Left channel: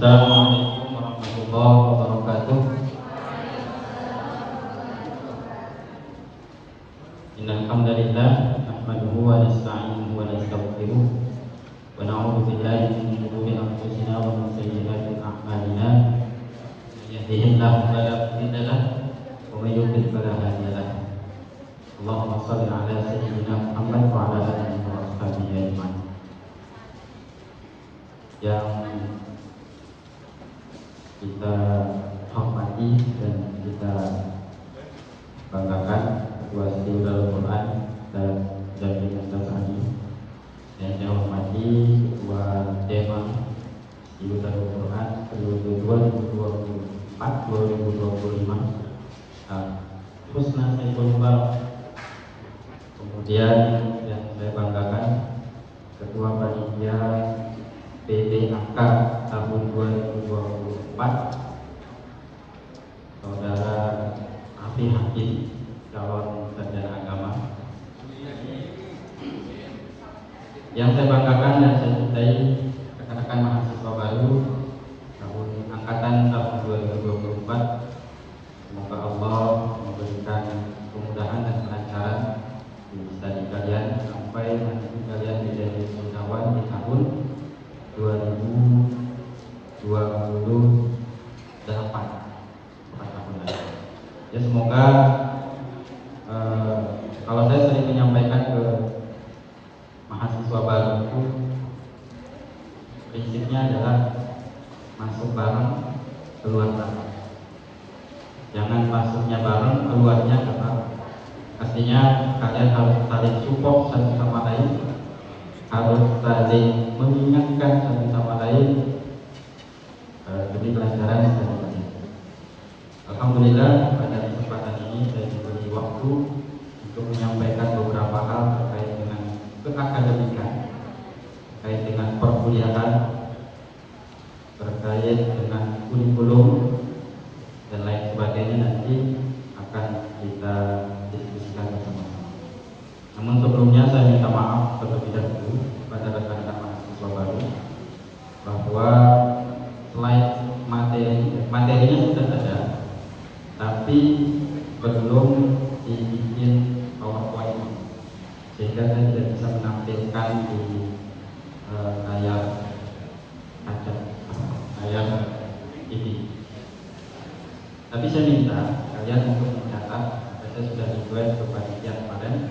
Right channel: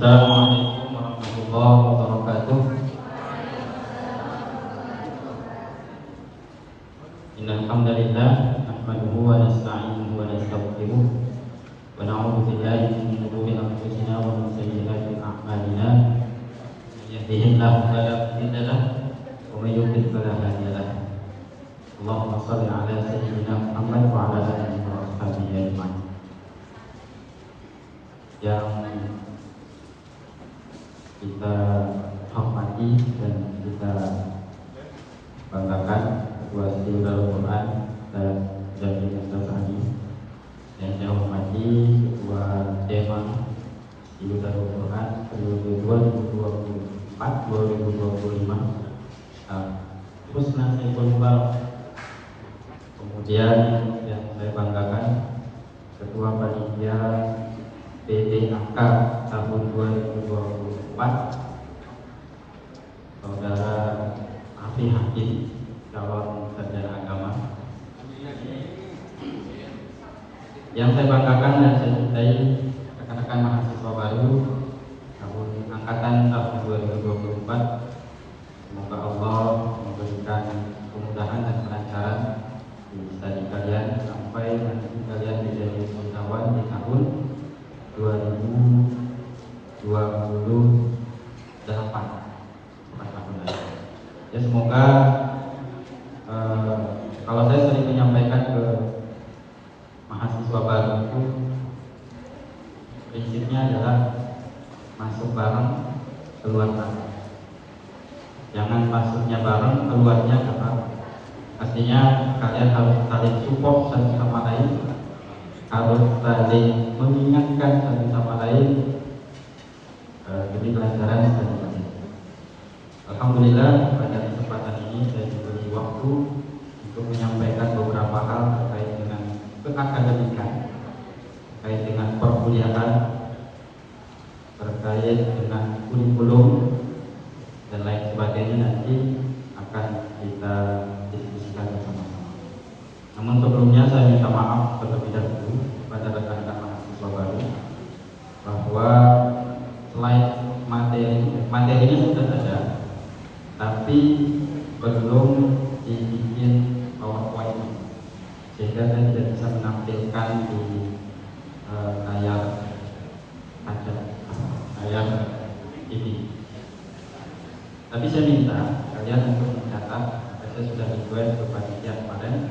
Assalamualaikum warahmatullahi wabarakatuh. Innal hamdalillah nahmaduhu wa nasta'inuhu wa nastaghfiruh wa na'udzu billahi min shururi anfusina wa min sayyiati a'malina. May yahdihillahu fala mudilla lahu wa may yudlil fala hadiya lahu. Allahumma shalli 'ala sayyidina Muhammad wa 'ala alihi wa sahbihi ajma'in. Yang kita hormati dan kita banggakan ketua Syiul Al-Quran dan dari Nasrani, dan yang hormati ketua Dewan Syiul Al-Quran periode 2024-2025 Husna Al-Quran. Kemudian yang saya banggakan ketua panitia PPAK tahun 2024 Saudara Hafiz calon sarjana agama. Yang saya banggakan dan saya cintai rekan-rekan mahasiswa baru tahun angkatan tahun 2024. Semoga Allah memberikan kemudahan dan kelancaran bisa kalian sampai nanti kalian menjadi sarjana di tahun 2028. Ya, semoga kalau saya sering menyampaikan ke mahasiswa baru itu prinsipnya adalah masuk bareng, keluar bareng. Jangan masuknya bareng, keluarnya bareng. Artinya kalian harus saling support satu sama lain, harus saling mengingatkan satu sama lain. Jadi pelajaran sebenarnya. Alhamdulillah pada kesempatan ini saya diberi waktu untuk menyampaikan beberapa hal terkait dengan keakademikan, terkait dengan perkuliahan, terkait dengan kurikulum dan lain sebagainya. Nanti akan kita diskusikan bersama-sama. Namun sebelumnya saya minta maaf terlebih dahulu kepada rekan-rekan mahasiswa baru bahwa selain materinya sudah ada, tapi belum dibikin PowerPoint, sehingga saya tidak bisa menampilkan di layar ini. Tapi saya minta kalian untuk mencatat, saya sudah dibuat kebagian kalian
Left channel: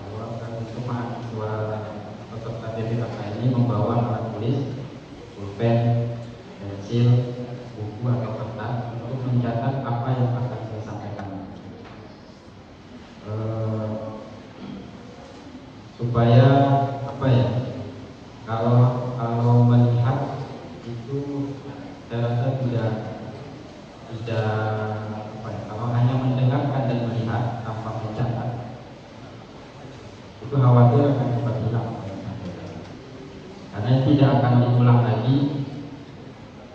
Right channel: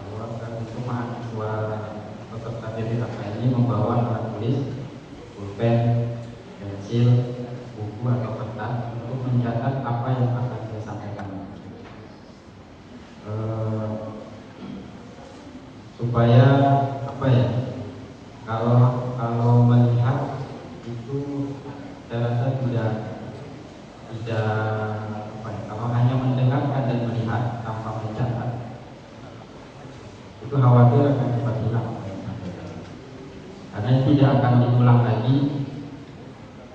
bahwa semua mahasiswa peserta PPAK ini membawa alat tulis, pulpen, pensil, buku atau kertas untuk mencatat apa yang akan saya sampaikan, supaya apa ya, kalau melihat itu saya rasa tidak kalau hanya mendengarkan dan melihat tanpa mencatat itu khawatir akan kita bilang, karena tidak akan diulang lagi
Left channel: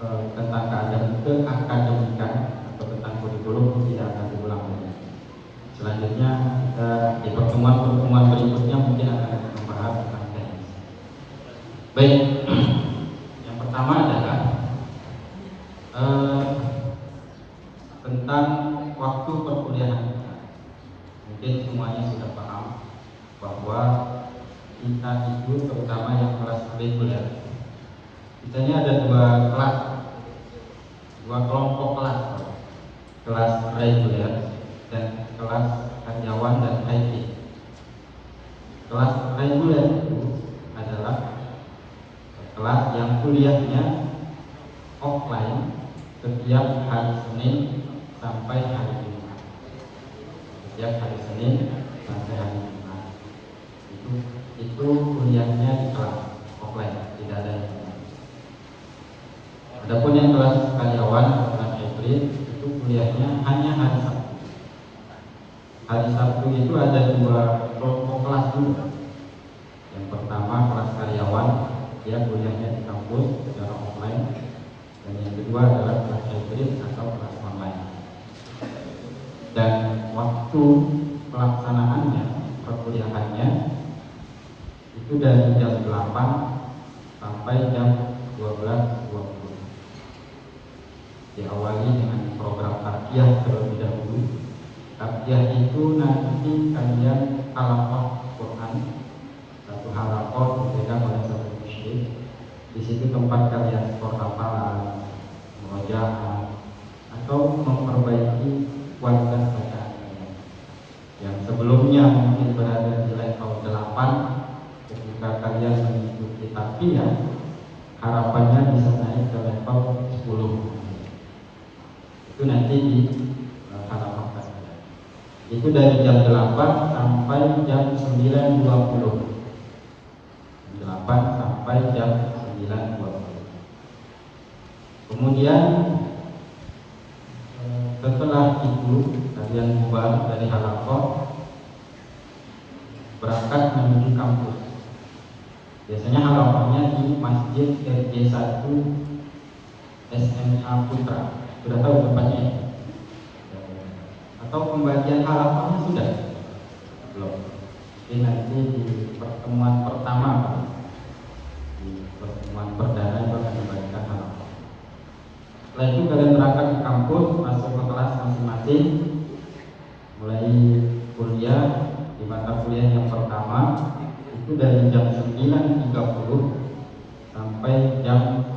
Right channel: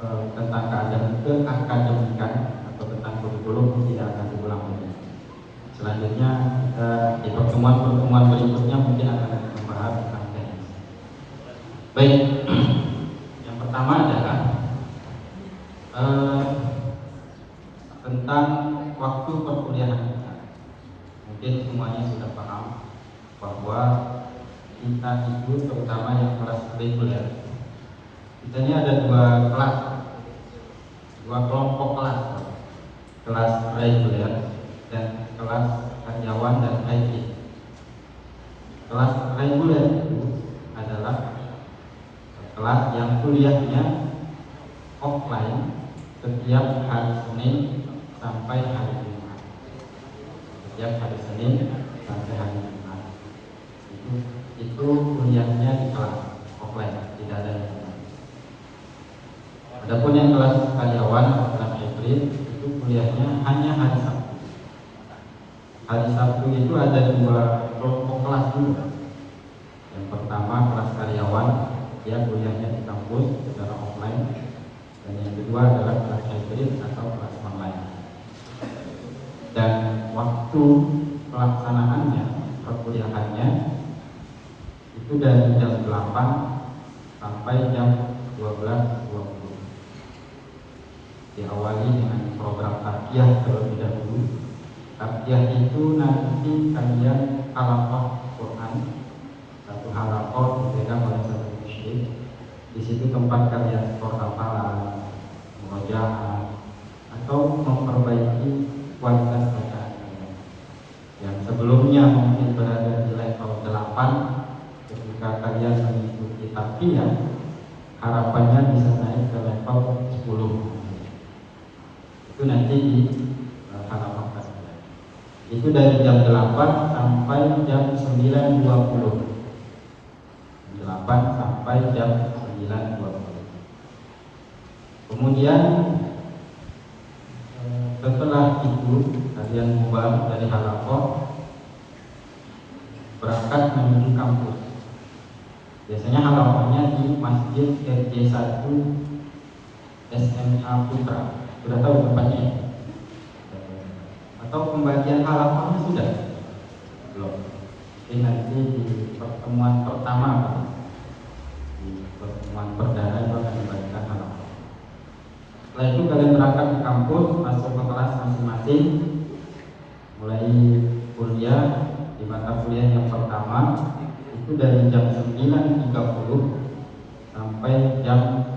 tentang keakademikan atau tentang kurikulum, tidak akan diulang lagi. Selanjutnya kita di pertemuan berikutnya mungkin akan membahas tentang ini. Baik, yang pertama adalah tentang waktu perkuliahan kita. Mungkin semuanya sudah paham bahwa kita itu terutama yang kelas B ya, kita ini ada dua kelas, dua kelompok kelas reguler dan kelas karyawan dan IT. Kelas reguler itu adalah kelas yang kuliahnya offline setiap hari Senin sampai hari Jumat. Setiap hari Senin sampai hari Jumat. Itu kuliahnya di kelas offline, tidak ada yang lain. Adapun yang kelas karyawan atau kelas hybrid itu kuliahnya hanya hari Sabtu. Hari Sabtu itu ada dua kelompok kelas dulu. Yang pertama kelas karyawan, dia kuliahnya di kampus secara offline. Dan yang kedua adalah kelas hybrid atau kelas online. Dan waktu pelaksanaannya, perkuliahannya itu dari jam 8 sampai jam Diawali dengan program harfiah terlebih dahulu. Harfiah itu nanti kalian halakoh Quran, satu halakoh dipegang dalam satu musyrik. Di situ tempat kalian sekolah hafalan, mengajar atau memperbaiki kualitas bacaan kalian. Yang sebelumnya mungkin berada di level 8, ketika kalian mengikuti harfiah, harapannya bisa naik ke level 10. Itu nanti di halaman kalian. Itu dari jam 8 sampai jam 9.20. 8 sampai jam 9.20. Kemudian setelah itu kalian keluar dari halakoh, berangkat menuju kampus. Biasanya halakohnya di Masjid RJ1 SMA Putra. Sudah tahu tempatnya? Atau pembagian halakohnya sudah? Belum. Jadi nanti di pertemuan pertama, di pertemuan perdana akan diberikan halakoh. Setelah itu kalian berangkat ke kampus, masuk ke kelas masing-masing, mulai kuliah. Di mata kuliah yang pertama itu dari jam 9.30 sampai jam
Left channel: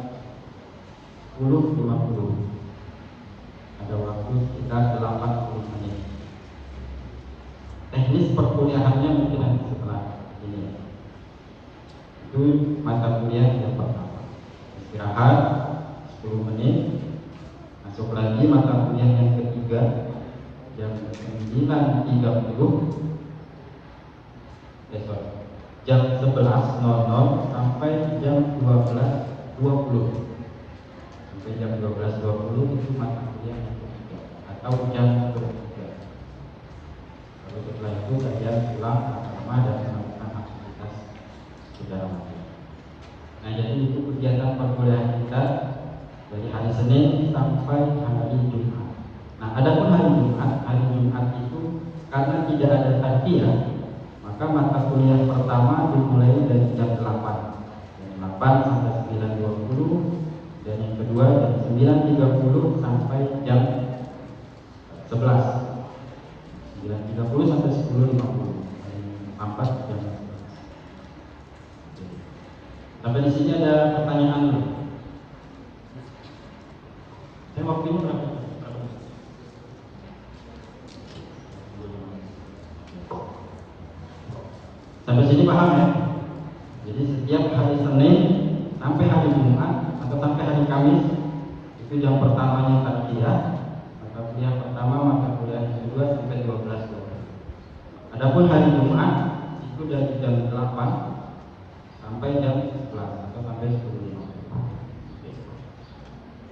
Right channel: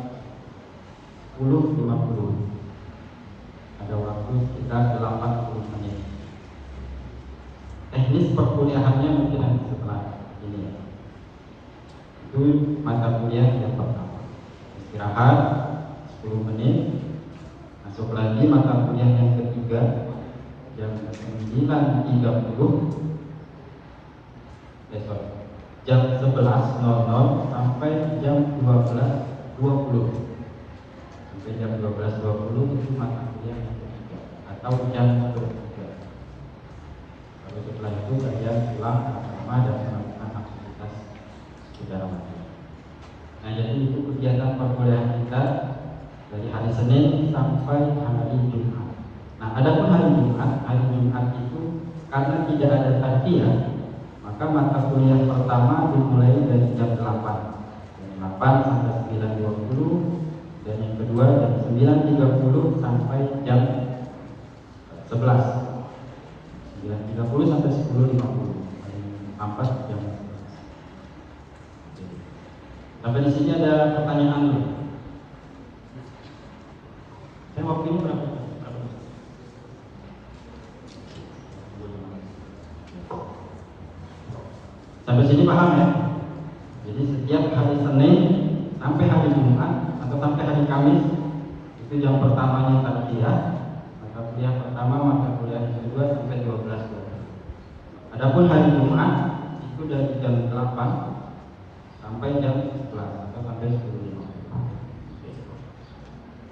10.50. Ada waktu sekitar 80 menit. Teknis perkuliahannya mungkin nanti setelah ini. Itu mata kuliah yang pertama. Istirahat 10 menit, masuk lagi mata kuliah yang ketiga jam 9.30 jam 11.00 sampai jam 12.20. Sampai jam 12.20 itu mata kuliah yang ketiga atau jam 3. Kalau setelah itu saya pulang bersama dan melakukan aktivitas saudara. Nah, jadi itu kegiatan perkuliahan kita dari hari Senin sampai hari Jumat. Nah, adapun hari Jumat itu karena tidak ada harfiah, maka mata kuliah pertama dimulai dari jam 8. Jam 8 sampai 9.20, dan yang kedua jam 9.30 sampai jam 11. 9.30 sampai 10.50. Sampai jam 11. Sampai di sini ada pertanyaan ini. Saya mau pilih berapa? Sampai sini paham ya? Jadi setiap hari Senin sampai hari Jumat atau sampai hari Kamis itu jam pertamanya harfiah, mata kuliah pertama, mata kuliah kedua sampai 12. Adapun hari Jumat itu dari jam 8 sampai jam 11 atau sampai 10.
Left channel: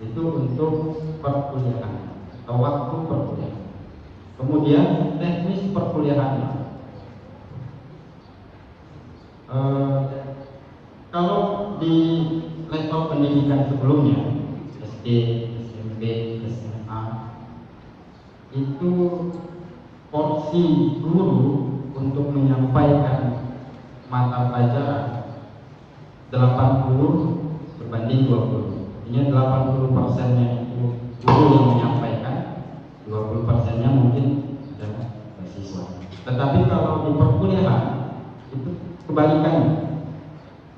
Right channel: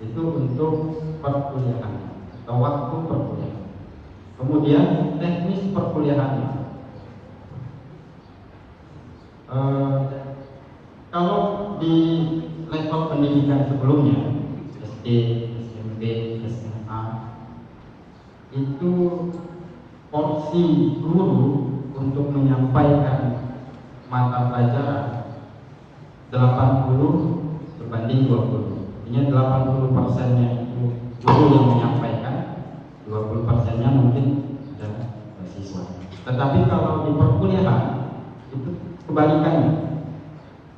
Itu untuk perkuliahan atau waktu perkuliahan. Kemudian teknis perkuliahan. Kalau di level pendidikan sebelumnya SD, SMP, SMA itu porsi guru untuk menyampaikan mata pelajaran 80 berbanding 20. Ini 80%-nya itu guru yang menyampaikan, 20%-nya mungkin adalah mahasiswa. Tetapi kalau di perkuliahan itu kebalikannya,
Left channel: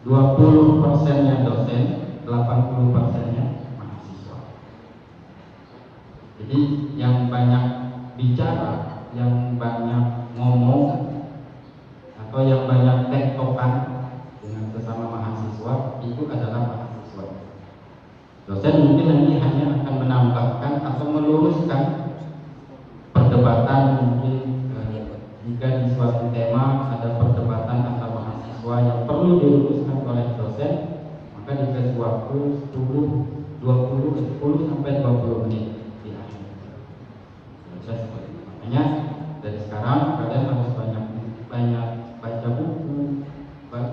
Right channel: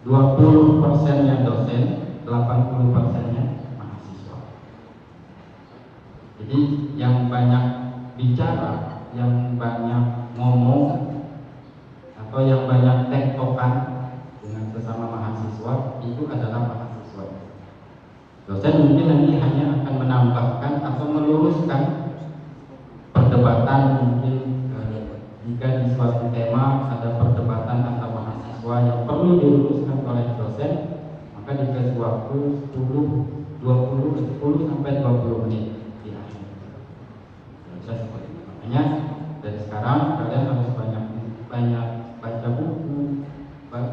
20%-nya dosen, 80%-nya mahasiswa. Jadi yang banyak bicara, yang banyak ngomong, atau yang banyak tektokan dengan sesama mahasiswa itu adalah mahasiswa. Dosen mungkin nanti hanya akan menambahkan atau meluruskan perdebatan. Mungkin jika di suatu tema ada perdebatan antara mahasiswa yang perlu diluruskan oleh dosen, maka dikasih waktu 10 sampai 20 menit. Hanya dari sekarang kalian harus banyak baca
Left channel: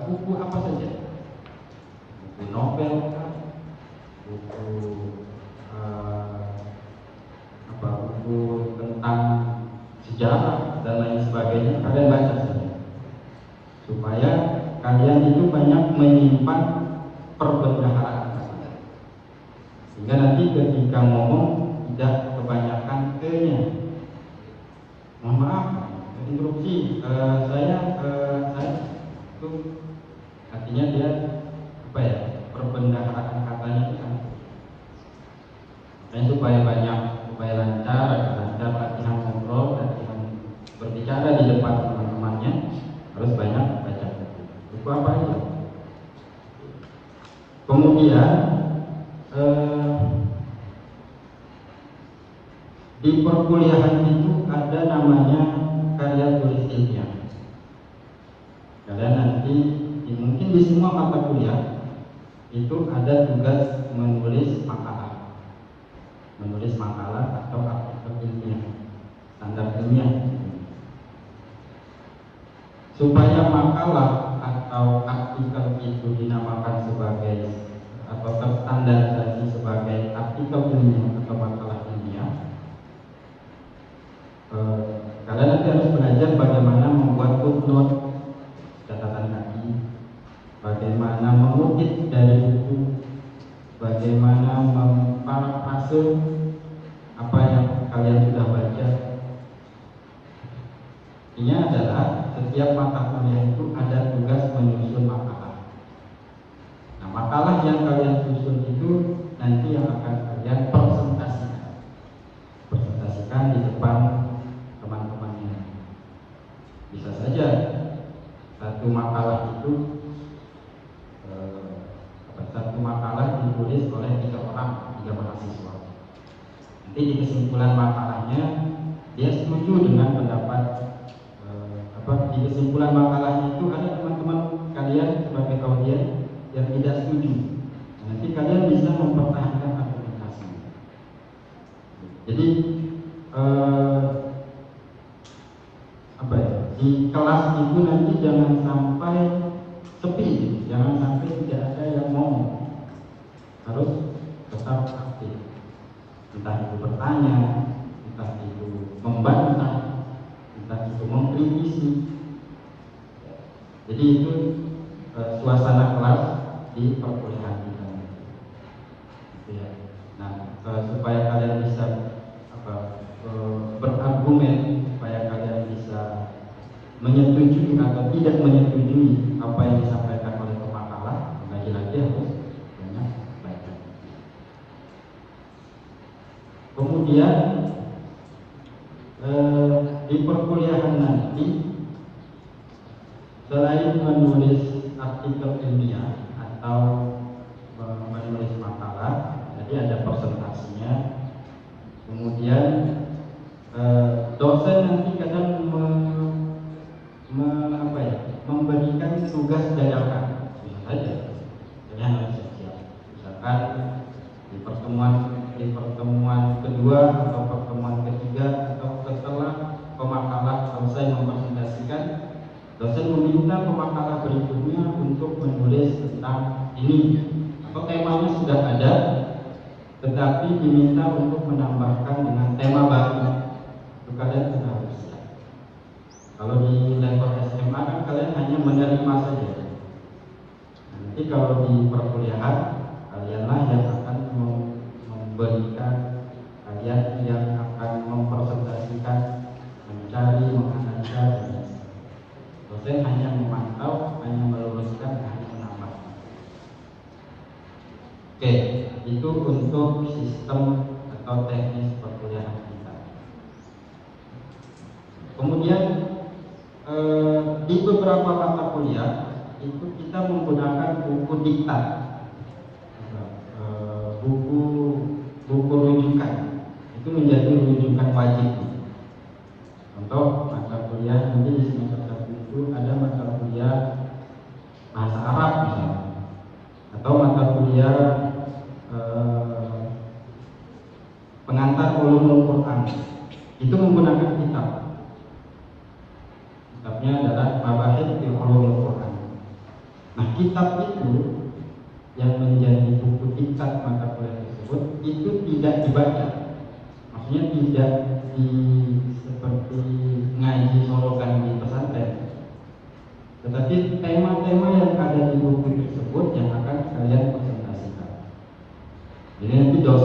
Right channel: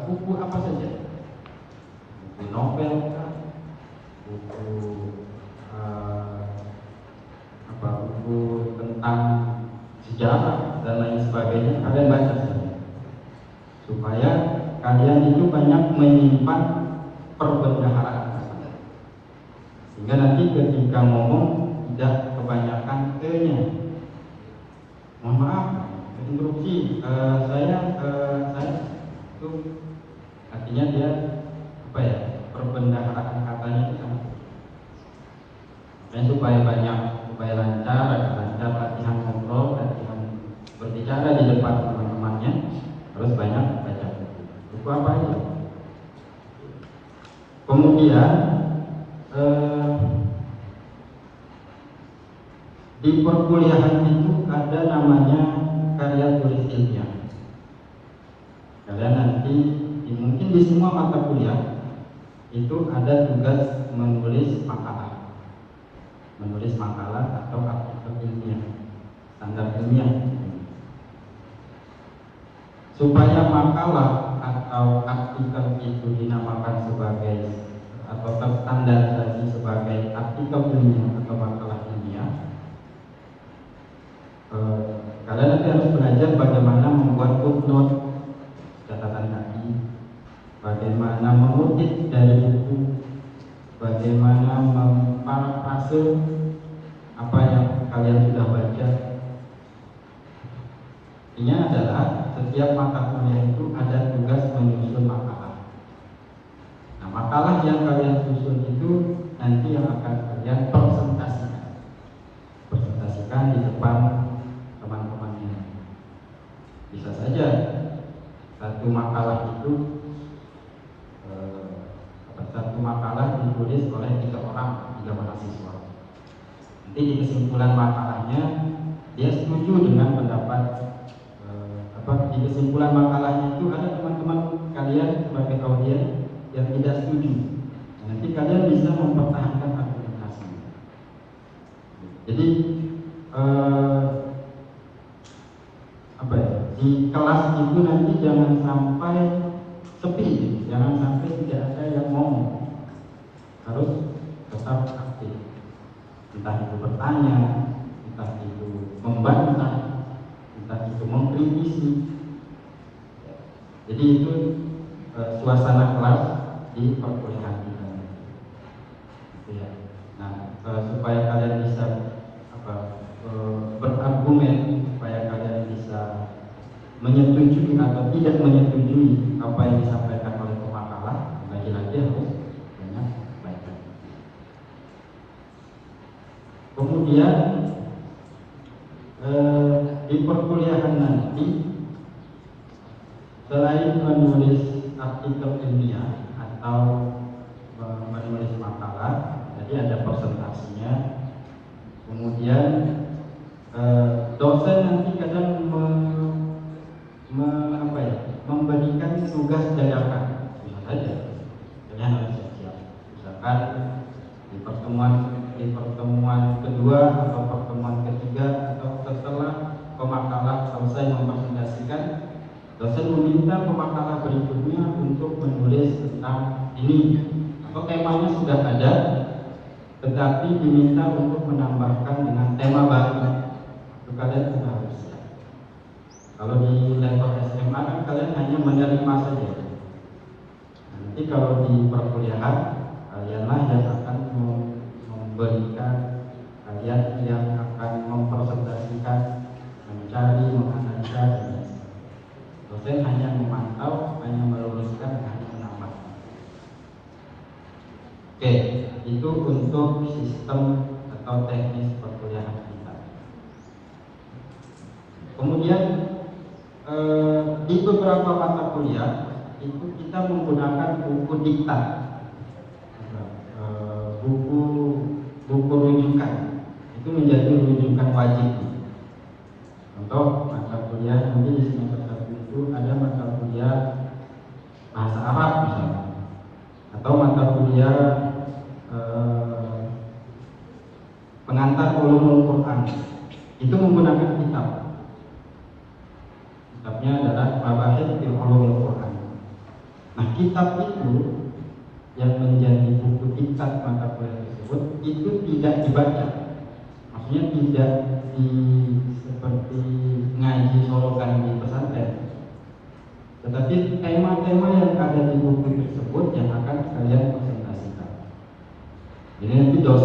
buku apa saja, buku novel, buku tentang sejarah dan lain sebagainya. Kalian baca saja supaya kalian itu banyak menyimpan perbedaan. Sehingga nanti ketika ngomong tidak kebanyakan ke-nya. Mohon maaf, interupsi, saya itu artinya dia apa ya, perbendaharaan katanya itu kan supaya banyak, supaya lancar, ada latihan ngobrol, latihan berbicara di depan teman-temannya, terus banyak belajar. Itu apa itu? Kemudian di perkuliahan itu ada namanya karya tulis ilmiah. Kalian nanti mungkin di semua mata kuliah itu ada tugas menulis makalah atau artikel ilmiah, standar ilmiah. Supaya makalah atau artikel itu dinamakan sebagai atau terstandarisasi sebagai artikel ilmiah atau makalah ilmiah, kalian nanti harus belajar bagaimana membuat footnote, catatan kaki, bagaimana mengutip dari buku, bagaimana memparafrase apa yang kalian sudah baca. Ini adalah setiap mata kuliah itu ada tugas menyusun makalah. Nah, makalah yang kalian susun itu nanti yang akan kalian presentasikan di depan teman-temannya. Bisa saja satu makalah ditulis oleh 3 mahasiswa. Nanti di kesimpulan makalahnya dia setuju dengan pendapat di kesimpulan makalahnya itu ada teman-teman kalian sebagai audiens yang tidak setuju. Nanti kalian bisa mempertahankan argumentasi. Jadi di kelas itu nanti jangan sampai sepi, jangan sampai tidak ada yang ngomong. Harus tetap aktif, entah itu bertanya, entah itu membantah, entah itu mengkritisi. Jadi itu suasana kelas di perkuliahan kita. Nah, supaya kalian bisa berargumen, supaya kalian bisa menyetujui atau tidak menyetujui apa yang disampaikan oleh pemakalah, lagi-lagi harus banyak belajar. Kemudian di perkuliahan nanti selain menulis artikel ilmiah atau menulis makalah, jadi ada presentasinya. Kemudian dosen nanti kadang memberikan tugas dadakan. Kalian harus siap. Misalkan di pertemuan kedua atau pertemuan ketiga atau setelah pemakalah selesai mempresentasikan, dosen meminta pemakalah berikutnya untuk menulis tentang ini. Atau temanya sudah ada, tetapi diminta untuk menambahkan dengan tema baru. Kalian sudah harus siap. Kalau di level SMA kan kalian hanya menerima saja. Nanti kalau di perkuliahan kalianlah yang akan memberikan, kalian yang akan mempresentasikan, mencari, menganalisa, dan dosen hanya memantau, hanya menuliskan, hanya menambahkan. Oke, itu untuk sistem atau teknis perkuliahan kita. Kemudian di beberapa mata kuliah itu kita menggunakan buku diktat, buku rujukan. Itu menjadi rujukan wajib. Untuk mata kuliah nanti di semester 1 itu ada mata kuliah bahasa Arab misalnya, atau mata kuliah pengantar ulumul Quran. Itu menggunakan kitab. Kitabnya adalah Al-Ahid fi Ulumul Quran. Nah, kitab itu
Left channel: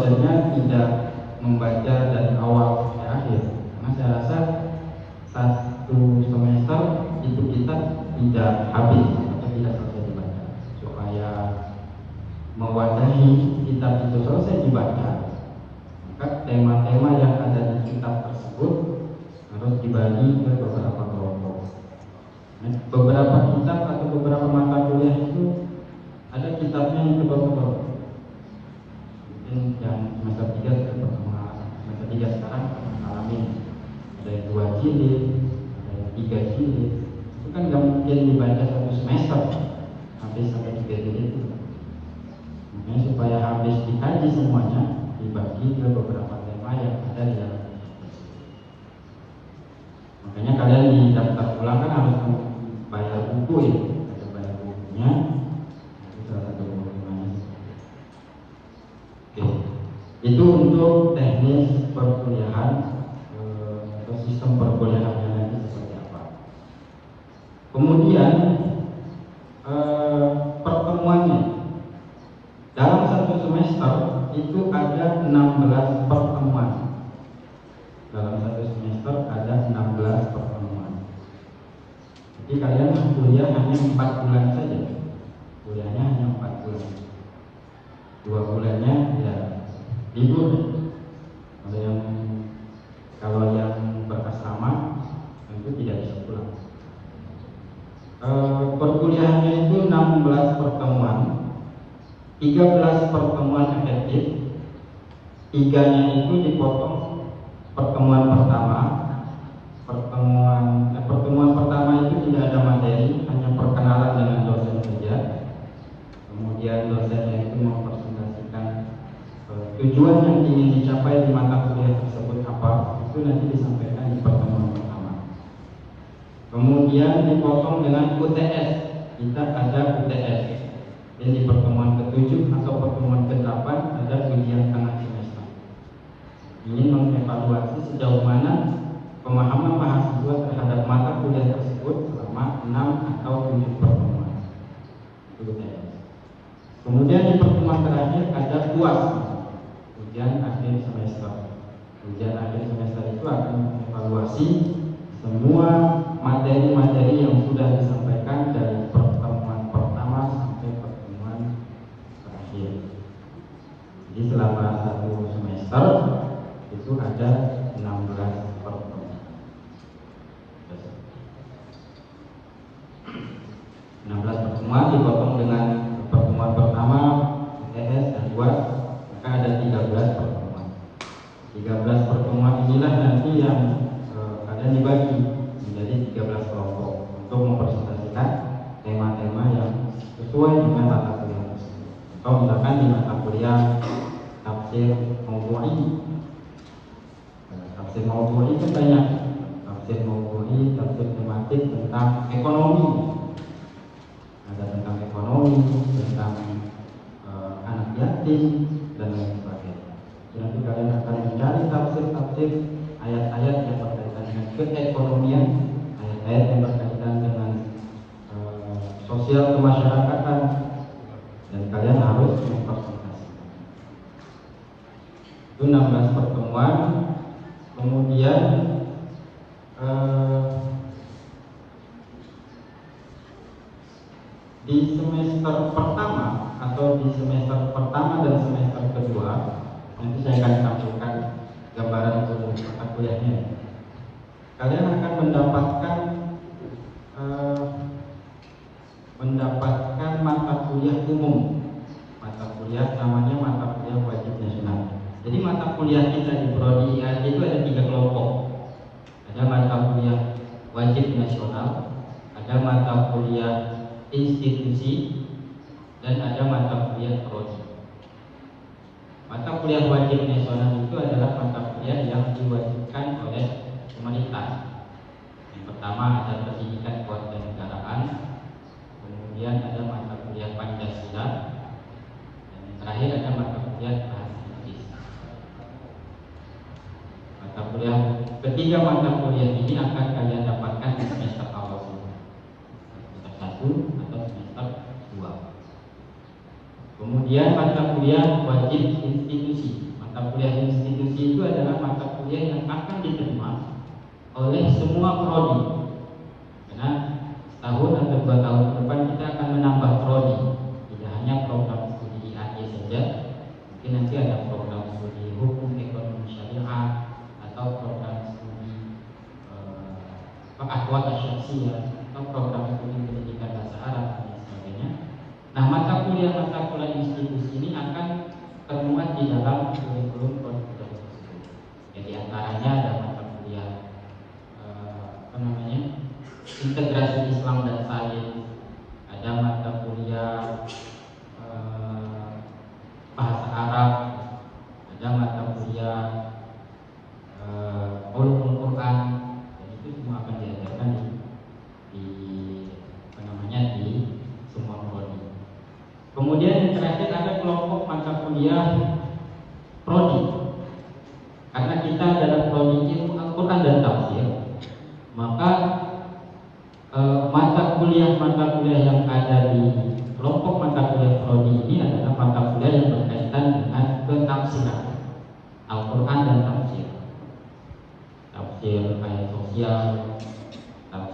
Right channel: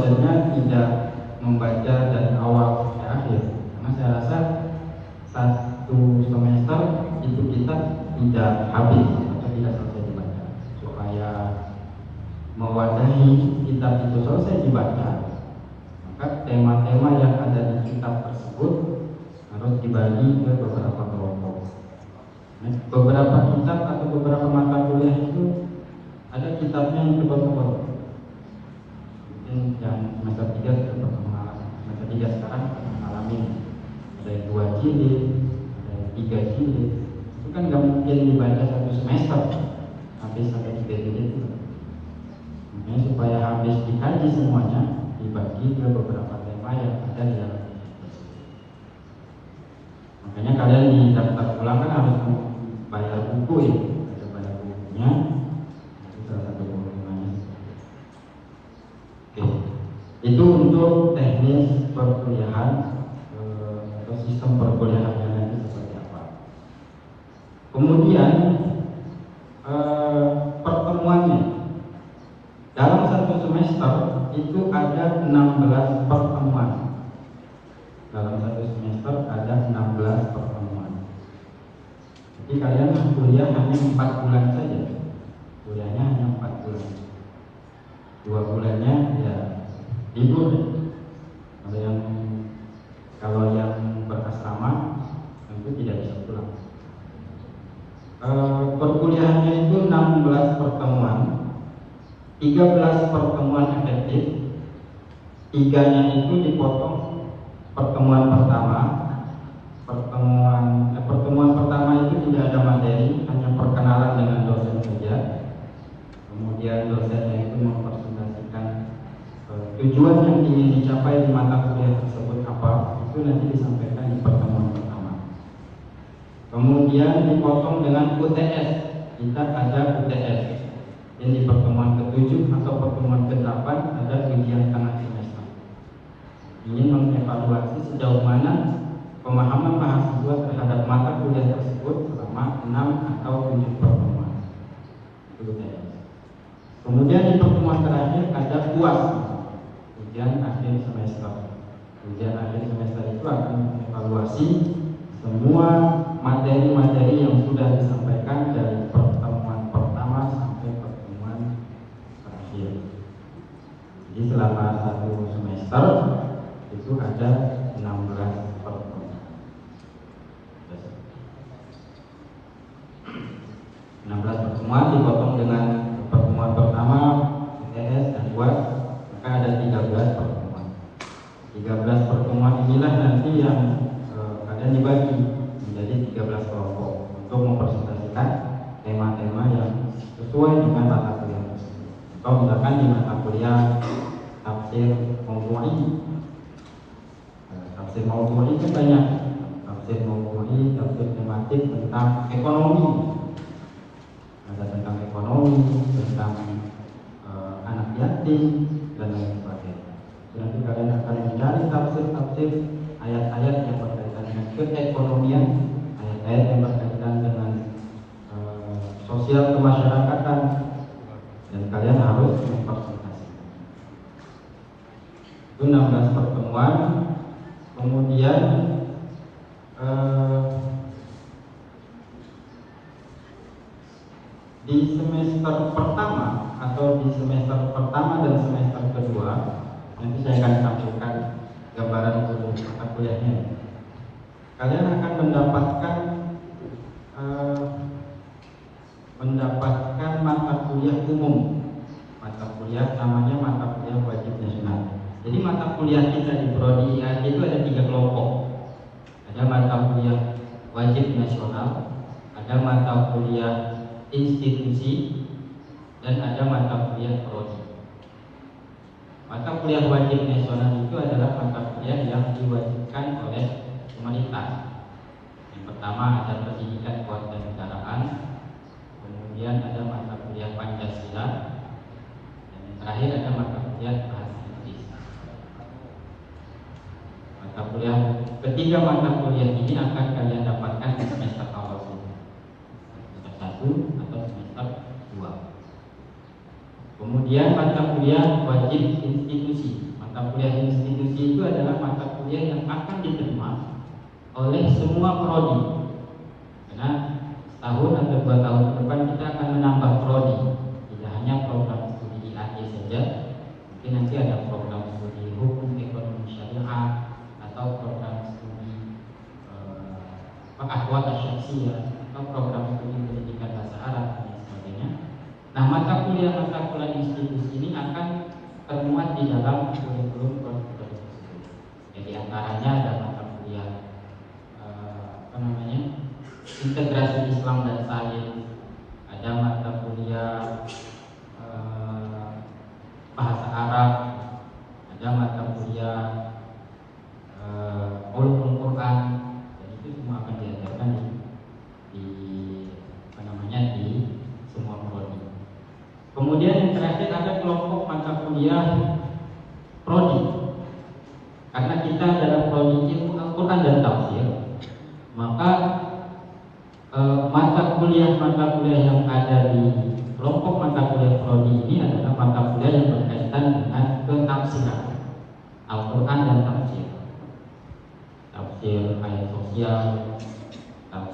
dosennya tidak membaca dari awal sampai akhir. Karena saya rasa satu semester itu kita tidak habis atau tidak selesai dibaca. Supaya mewadahi kitab itu selesai dibaca, maka tema-tema yang ada di kitab tersebut harus dibagi ke beberapa kelompok. Beberapa kitab atau beberapa mata kuliah itu ada kitabnya yang kelompok. Mungkin yang semester 3 semester 3 sekarang mengalami ada 2 jilid, ada 3 jilid. Itu kan nggak mungkin dibaca satu semester habis sampai 3 jilid. Makanya supaya habis dikaji semuanya dibagi ke beberapa tema yang ada di dalam. Makanya kalian di daftar ulang kan harus bayar buku ya, harus bayar bukunya. Itu untuk teknis perkuliahan atau sistem perkuliahan yang seperti apa. Kemudian pertemuannya dalam satu semester itu ada 16 pertemuan. Dalam satu semester ada 16 pertemuan. Jadi kalian kuliah hanya 4 bulan saja. Kuliahnya hanya 4 bulan. 2 bulannya ya libur. Ada yang kalau yang berasrama itu tidak bisa pulang. Perkuliahannya itu 16 pertemuan, 13 pertemuan efektif, 3-nya itu dipotong pertemuan pertama. Pertemuan pertama itu tidak ada materi, hanya perkenalan dengan dosen saja. Kemudian dosennya itu mempresentasikan tujuan yang ingin dicapai di mata kuliah tersebut apa, itu nanti disampaikan di pertemuan pertama. Kemudian dipotong dengan UTS, kita ada UTS. Jadi di pertemuan ke-7 atau pertemuan ke-8 ada ujian tengah semester. Ini mengevaluasi sejauh mana pemahaman mahasiswa terhadap mata kuliah tersebut selama 6 atau 7 pertemuan. UTS. Kemudian di pertemuan terakhir ada UAS, ujian akhir semester. Ujian akhir semester itu akan mengevaluasi semua materi-materi yang sudah disampaikan dari pertemuan pertama sampai pertemuan terakhir. Jadi selama 1 semester itu ada 16 pertemuan. 16 pertemuan dipotong dengan pertemuan pertama UTS dan UAS, maka ada 13 pertemuan. 13 pertemuan inilah nanti yang akan dibagi menjadi 13 kelompok untuk mempresentasikan tema-tema yang sesuai dengan mata kuliah tersebut. Atau misalkan di mata kuliah tafsir maudu'i. Tafsir maudu'i kan banyak. Tafsir maudu'i, tafsir tematik tentang ekonomi. Ada tentang ekonomi, tentang anak yatim dan lain sebagainya. Nanti kalian akan mencari tafsir-tafsir ayat-ayat yang berkaitan dengan keekonomian, ayat-ayat yang berkaitan dengan sosial kemasyarakatan, dan kalian harus mempresentasikan. Itu 16 pertemuan. Kemudian di semester pertama atau di semester pertama dan semester kedua, nanti saya akan sampaikan gambaran mata kuliahnya. Kalian akan mendapatkan mata kuliah umum. Mata kuliah namanya mata kuliah wajib nasional. Jadi mata kuliah kita di prodi IHJ itu ada 3 kelompok. Ada mata kuliah wajib nasional, ada mata kuliah institusi, dan ada mata kuliah prodi. Mata kuliah wajib nasional itu adalah mata kuliah yang diwajibkan oleh pemerintah. Yang pertama ada pendidikan kewarganegaraan, kemudian ada mata kuliah Pancasila, dan terakhir ada mata kuliah bahasa Inggris. Mata kuliah ketiga mata kuliah ini akan kalian dapatkan di semester awal. Semester 1 atau semester 2. Kemudian mata kuliah wajib institusi.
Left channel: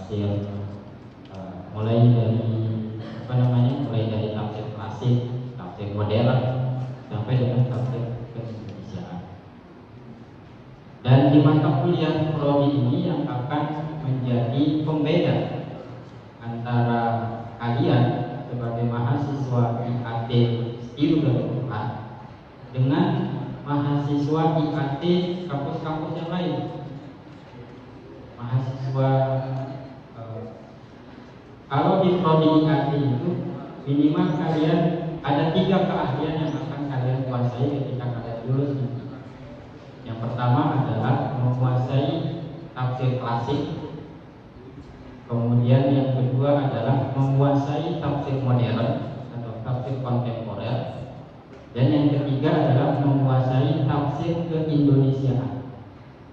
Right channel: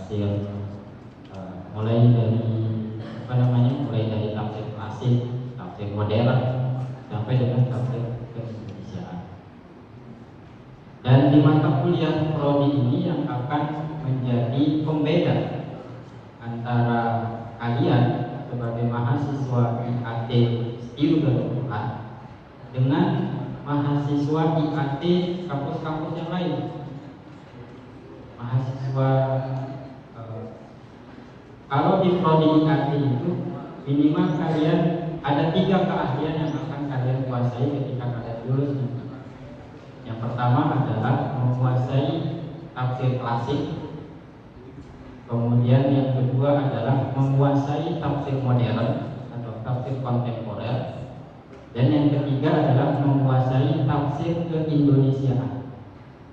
tafsir mulai dari mulai dari tafsir klasik, tafsir modern sampai dengan tafsir keindonesiaan. Dan di mata kuliah prodi ini yang akan menjadi pembeda antara kalian sebagai mahasiswa IAT STIU dengan mahasiswa IAT kampus-kampus yang lain. Mahasiswa kalau di prodi IAT itu minimal kalian ada 3 keahlian yang akan kalian kuasai ketika kalian lulus. Yang pertama adalah menguasai tafsir klasik. Kemudian yang kedua adalah menguasai tafsir modern atau tafsir kontemporer. Dan yang ketiga adalah menguasai tafsir keindonesiaan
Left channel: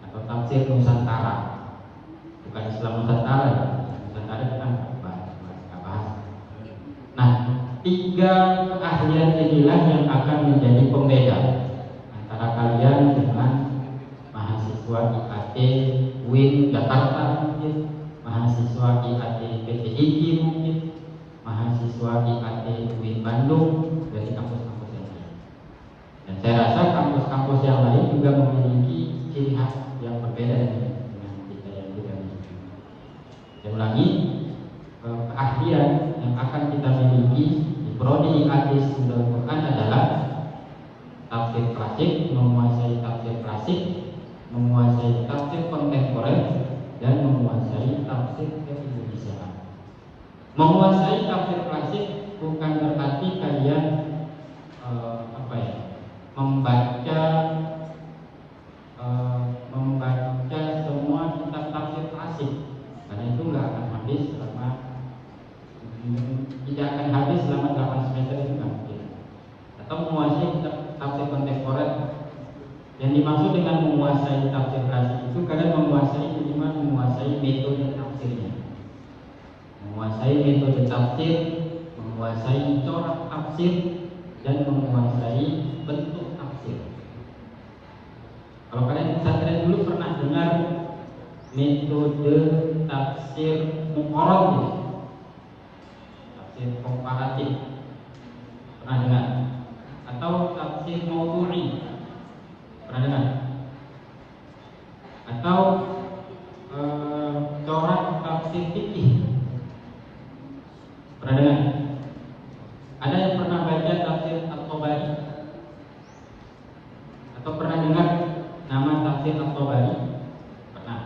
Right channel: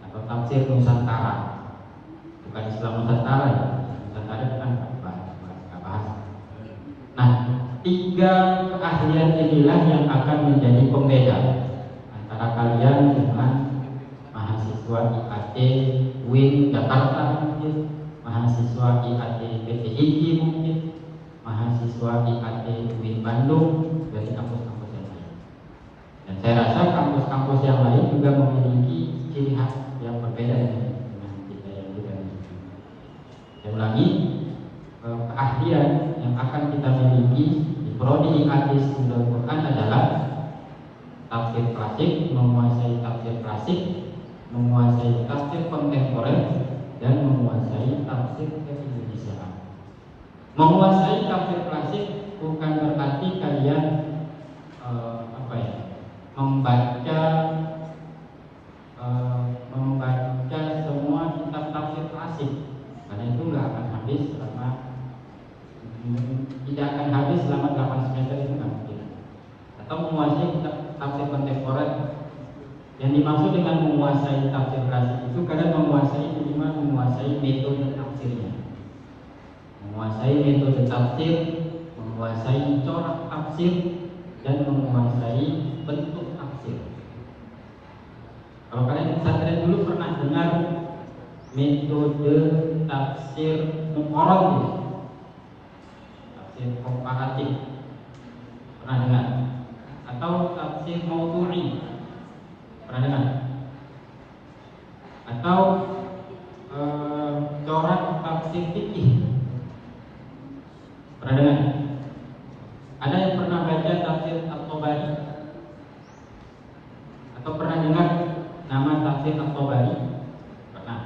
atau tafsir Nusantara. Bukan Islam Nusantara, Nusantara bukan bahasa. Nah, 3 keahlian inilah yang akan menjadi pembeda antara kalian dengan mahasiswa IAT UIN Jakarta mungkin, mahasiswa IAT PTIG mungkin, mahasiswa IAT UIN Bandung, dari kampus-kampus yang lain. Dan saya rasa kampus-kampus yang lain juga memiliki ciri khas yang berbeda dengan kita yang juga. Dan lagi keahlian yang akan kita miliki di prodi IAT STIU adalah tafsir klasik, menguasai tafsir klasik, menguasai tafsir kontemporer, dan menguasai tafsir keindonesiaan. Menguasai tafsir klasik bukan berarti kalian membaca semua kitab tafsir klasik, karena itu nggak akan habis selama tidak akan habis selama 8 semester itu mungkin. Atau menguasai kitab tafsir kontemporer. Yang dimaksud dengan menguasai tafsir klasik itu kalian menguasai metode tafsirnya, menguasai metode tafsir, menguasai corak tafsir, dan menguasai bentuk tafsir. Kalau kalian dulu pernah dengar metode tafsir muqarrab, tafsir komparatif, pernah dengar? Atau tafsir maudu'i, pernah dengar? Atau corak tafsir fikih, pernah dengar? Ada yang pernah baca tafsir At-Tabari? Atau pernah dengar nama tafsir At-Tabari? Pernah.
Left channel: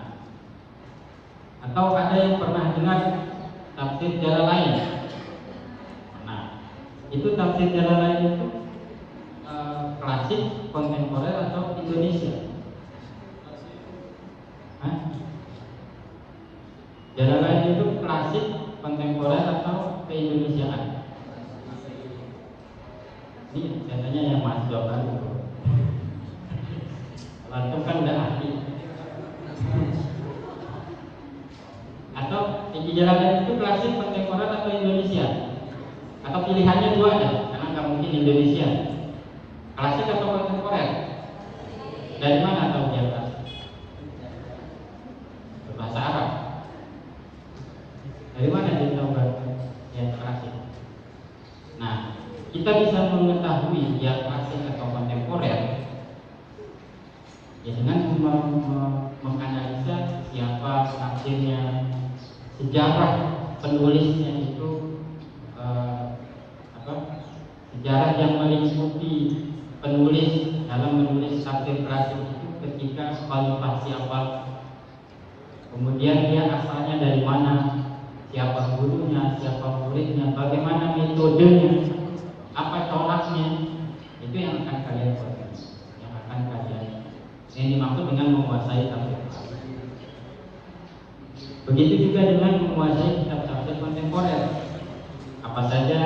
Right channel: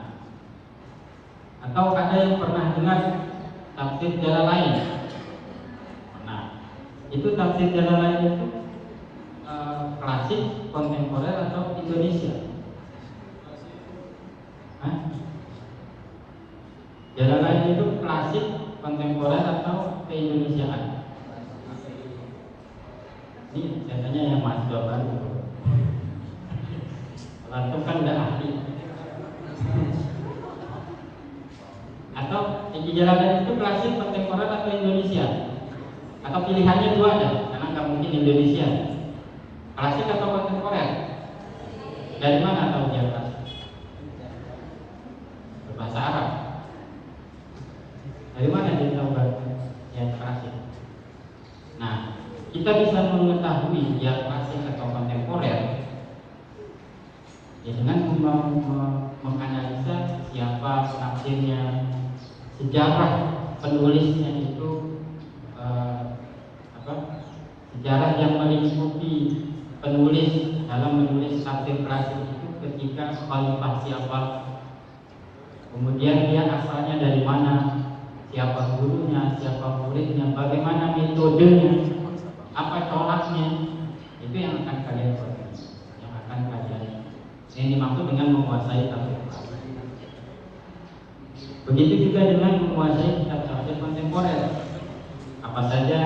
Atau ada yang pernah dengar tafsir Jalalain? Nah, itu tafsir Jalalain itu klasik, kontemporer, atau Indonesia? Jalalain itu klasik, kontemporer, atau keindonesiaan? Ini saya tanya yang Mas jawab itu. Kalau itu kan udah ahli. Atau Jalalain itu klasik, kontemporer, atau Indonesia? Atau pilihannya 2 aja, karena nggak mungkin Indonesia. Klasik atau kontemporer? Dari mana tahu dia klasik? Bahasa Arab. Dari mana dia tahu yang klasik? Nah, kita bisa mengetahui dia klasik atau kontemporer ya dengan menganalisa siapa tafsirnya, sejarah penulisnya itu sejarah yang meliputi penulis dalam menulis tafsir klasik itu ketika khalifah siapa, kemudian dia asalnya dari mana, siapa gurunya, siapa muridnya, bagaimana metodenya, apa coraknya, itu yang akan kalian pelajari, yang akan kalian ini dimaksud dengan menguasai tafsir klasik. Begitu juga dengan menguasai kitab tafsir kontemporer. Apa saja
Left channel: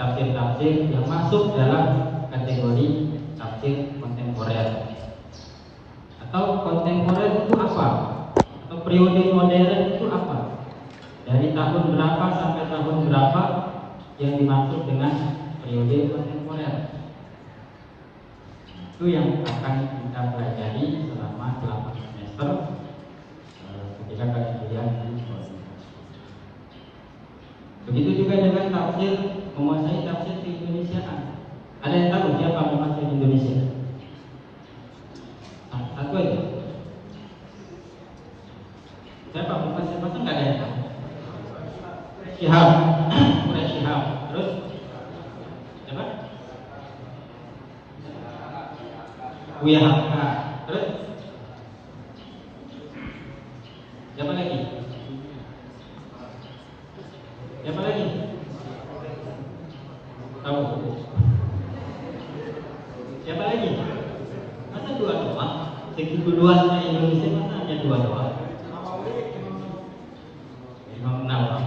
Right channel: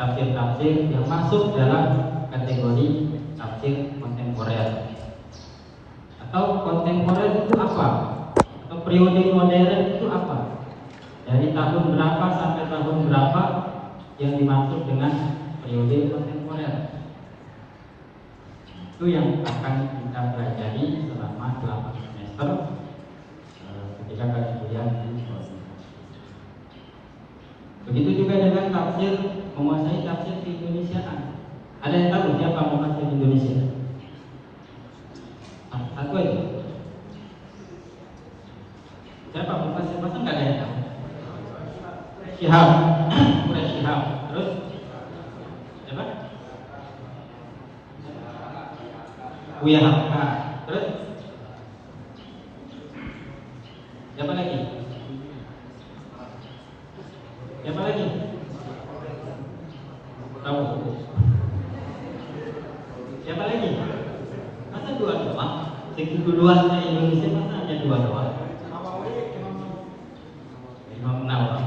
tafsir-tafsir yang masuk dalam kategori tafsir kontemporer. Atau kontemporer itu apa? Atau periode modern itu apa? Dari tahun berapa sampai tahun berapa yang dimaksud dengan periode kontemporer? Itu yang akan kita pelajari selama 8 semester ketika kalian kuliah di tafsir, menguasai tafsir di Indonesia. Ada yang tahu siapa tafsir di Indonesia? Satu aja. Siapa? Bukan siapa pun nggak ada. Syihab, mulai Syihab. Terus siapa? Buya Hamka. Terus siapa lagi? Siapa lagi? Tahu? Siapa lagi? Masa dua cuma? Segitu luasnya Indonesia masa hanya dua orang? Memang Nawawi.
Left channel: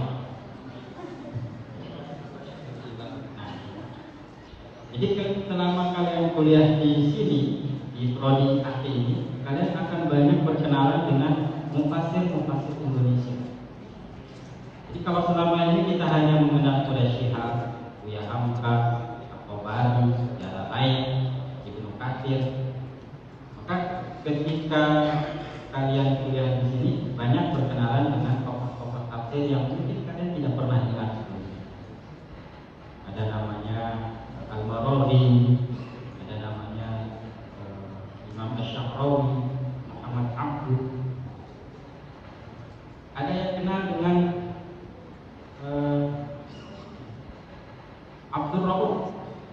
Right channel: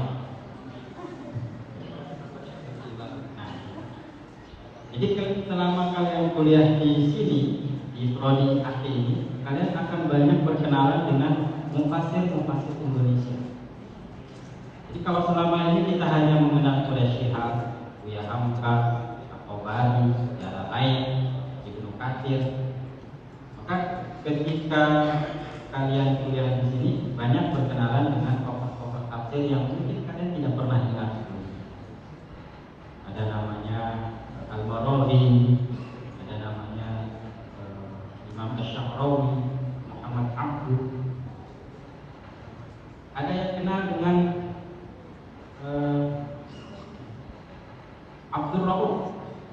Jadi selama kalian kuliah di sini di prodi akti ini, kalian akan banyak berkenalan dengan mufasir Indonesia. Jadi kalau selama ini kita hanya mengenal Quraish Shihab, Buya Hamka, Al-Bari, sejarah lain, Ibnu Katsir, maka ketika kalian kuliah di sini banyak berkenalan dengan tokoh-tokoh tafsir yang mungkin kalian tidak pernah dengar. Ada namanya Al-Barawi, ada namanya Imam Ash-Sha'rawi, Muhammad Abdul. Ada yang kenal dengan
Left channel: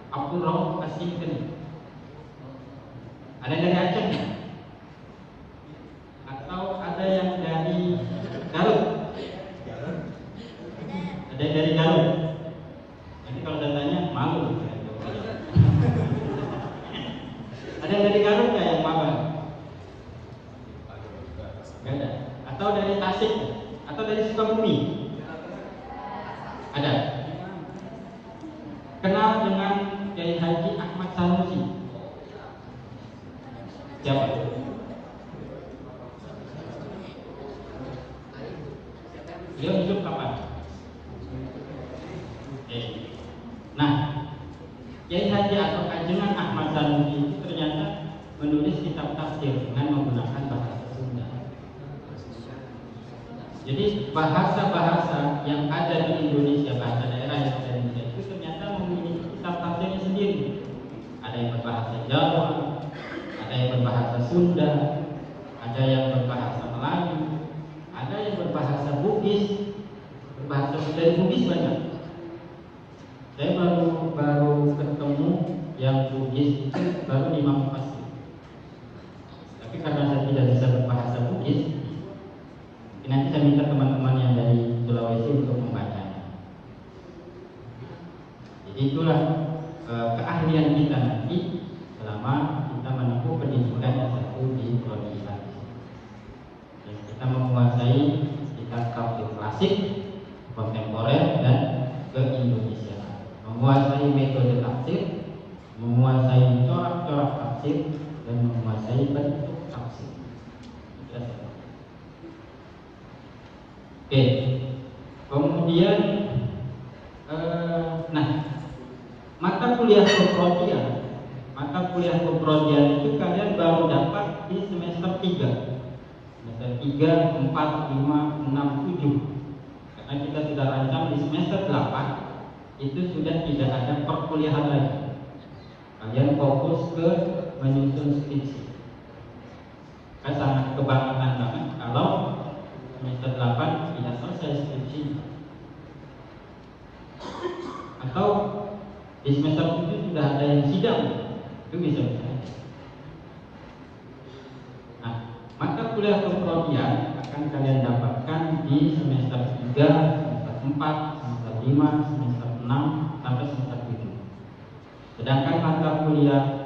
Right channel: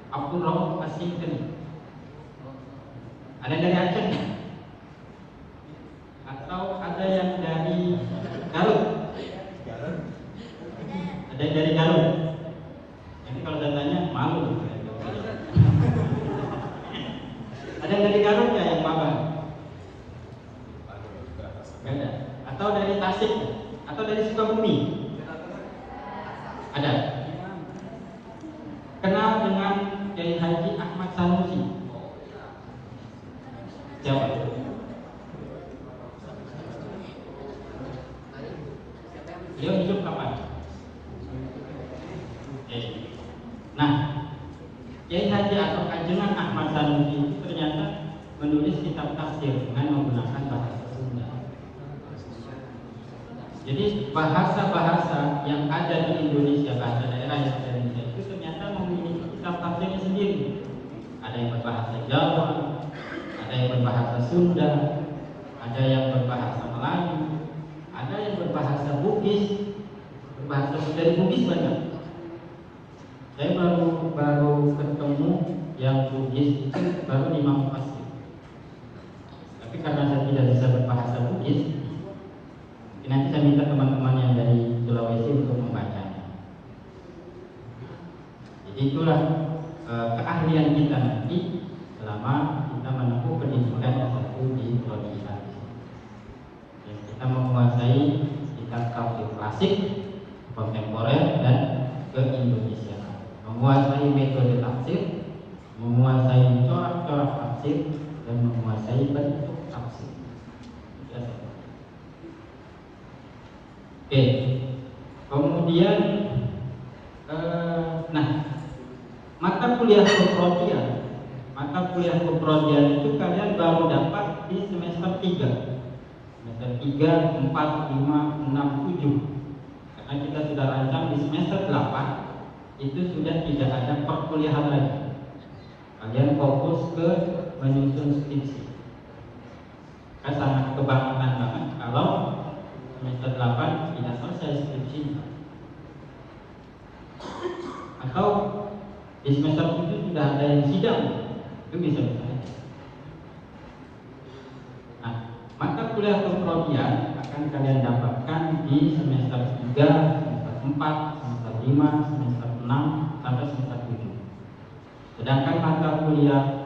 Abdul Rauf As-Sintani. Ada dari Aceh atau ada yang dari Garut? Ada dari Garut. Jadi kalau datanya malu. Ada dari Garut ya yang malu. Atau dari Tasik atau dari Sukabumi? Ada. Kenal dengan Kiai Haji Ahmad Sanusi. Siapa? Beliau hidup kapan? Nah, Kiai Haji Ajengan Ahmad Sanusi itu ternyata menulis kitab tafsir dengan menggunakan bahasa Sunda. Jadi bahasa-bahasa yang ada di Indonesia, bahasa daerah yang ada di Indonesia itu ternyata memiliki kitab tafsirnya sendiri. Ada yang berbahasa Jawa, ada yang berbahasa Sunda, ada yang berbahasa Melayu, ada yang berbahasa Bugis, berbahasa Sunda Bugis banyak. Saya baru ketemu yang Bugis itu baru 5 pasti. Tapi karena saya tidak bisa berbahasa Bugis, nanti saya minta teman-teman yang dari Sulawesi untuk membacanya. Jadi itulah keahlian kita nanti selama kita menempuh pendidikan S1 di universitas. Kita menguasai kitab tafsir klasik, kontemporer dan ke Indonesia. Menguasai metode tafsir, menguasai corak-corak tafsir, dan menguasai bentuk tafsir. Oke, kemudian mata kuliah keprodian itu kalian baru dapat di semester 3, semester 3, 4, 5, 6, 7. Karena kita sudah rancang di semester 8 itu sudah tidak ada perkuliahan lagi. Kalian fokus ke menyusun skripsi. Saya sangat kebanggaan banget kalau semester 8 tidak selesai skripsi. Atau di semester 7 sudah ada yang sidang, itu bisa selesai. Nah, mata kuliah keprodian akan kalian dapatkan di semester 3, semester 4, semester 5, semester 6, sampai semester 7. Sedangkan mata kuliah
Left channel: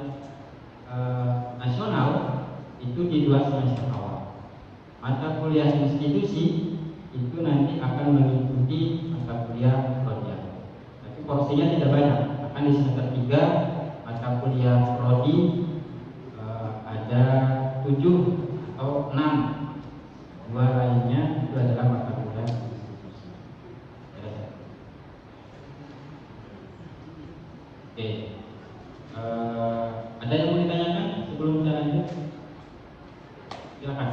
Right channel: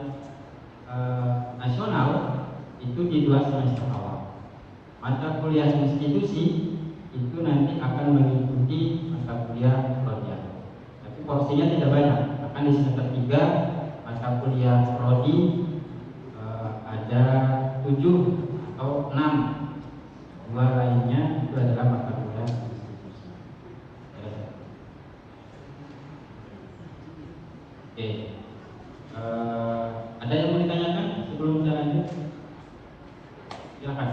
nasional itu di 2 semester awal. Mata kuliah institusi itu nanti akan mengikuti mata kuliah prodi. Tapi porsinya tidak banyak. Akan di semester 3 mata kuliah prodi ada 7 atau 6. 2 lainnya itu adalah mata kuliah institusi. Oke. Ada yang mau ditanyakan sebelum kita lanjut? Silakan.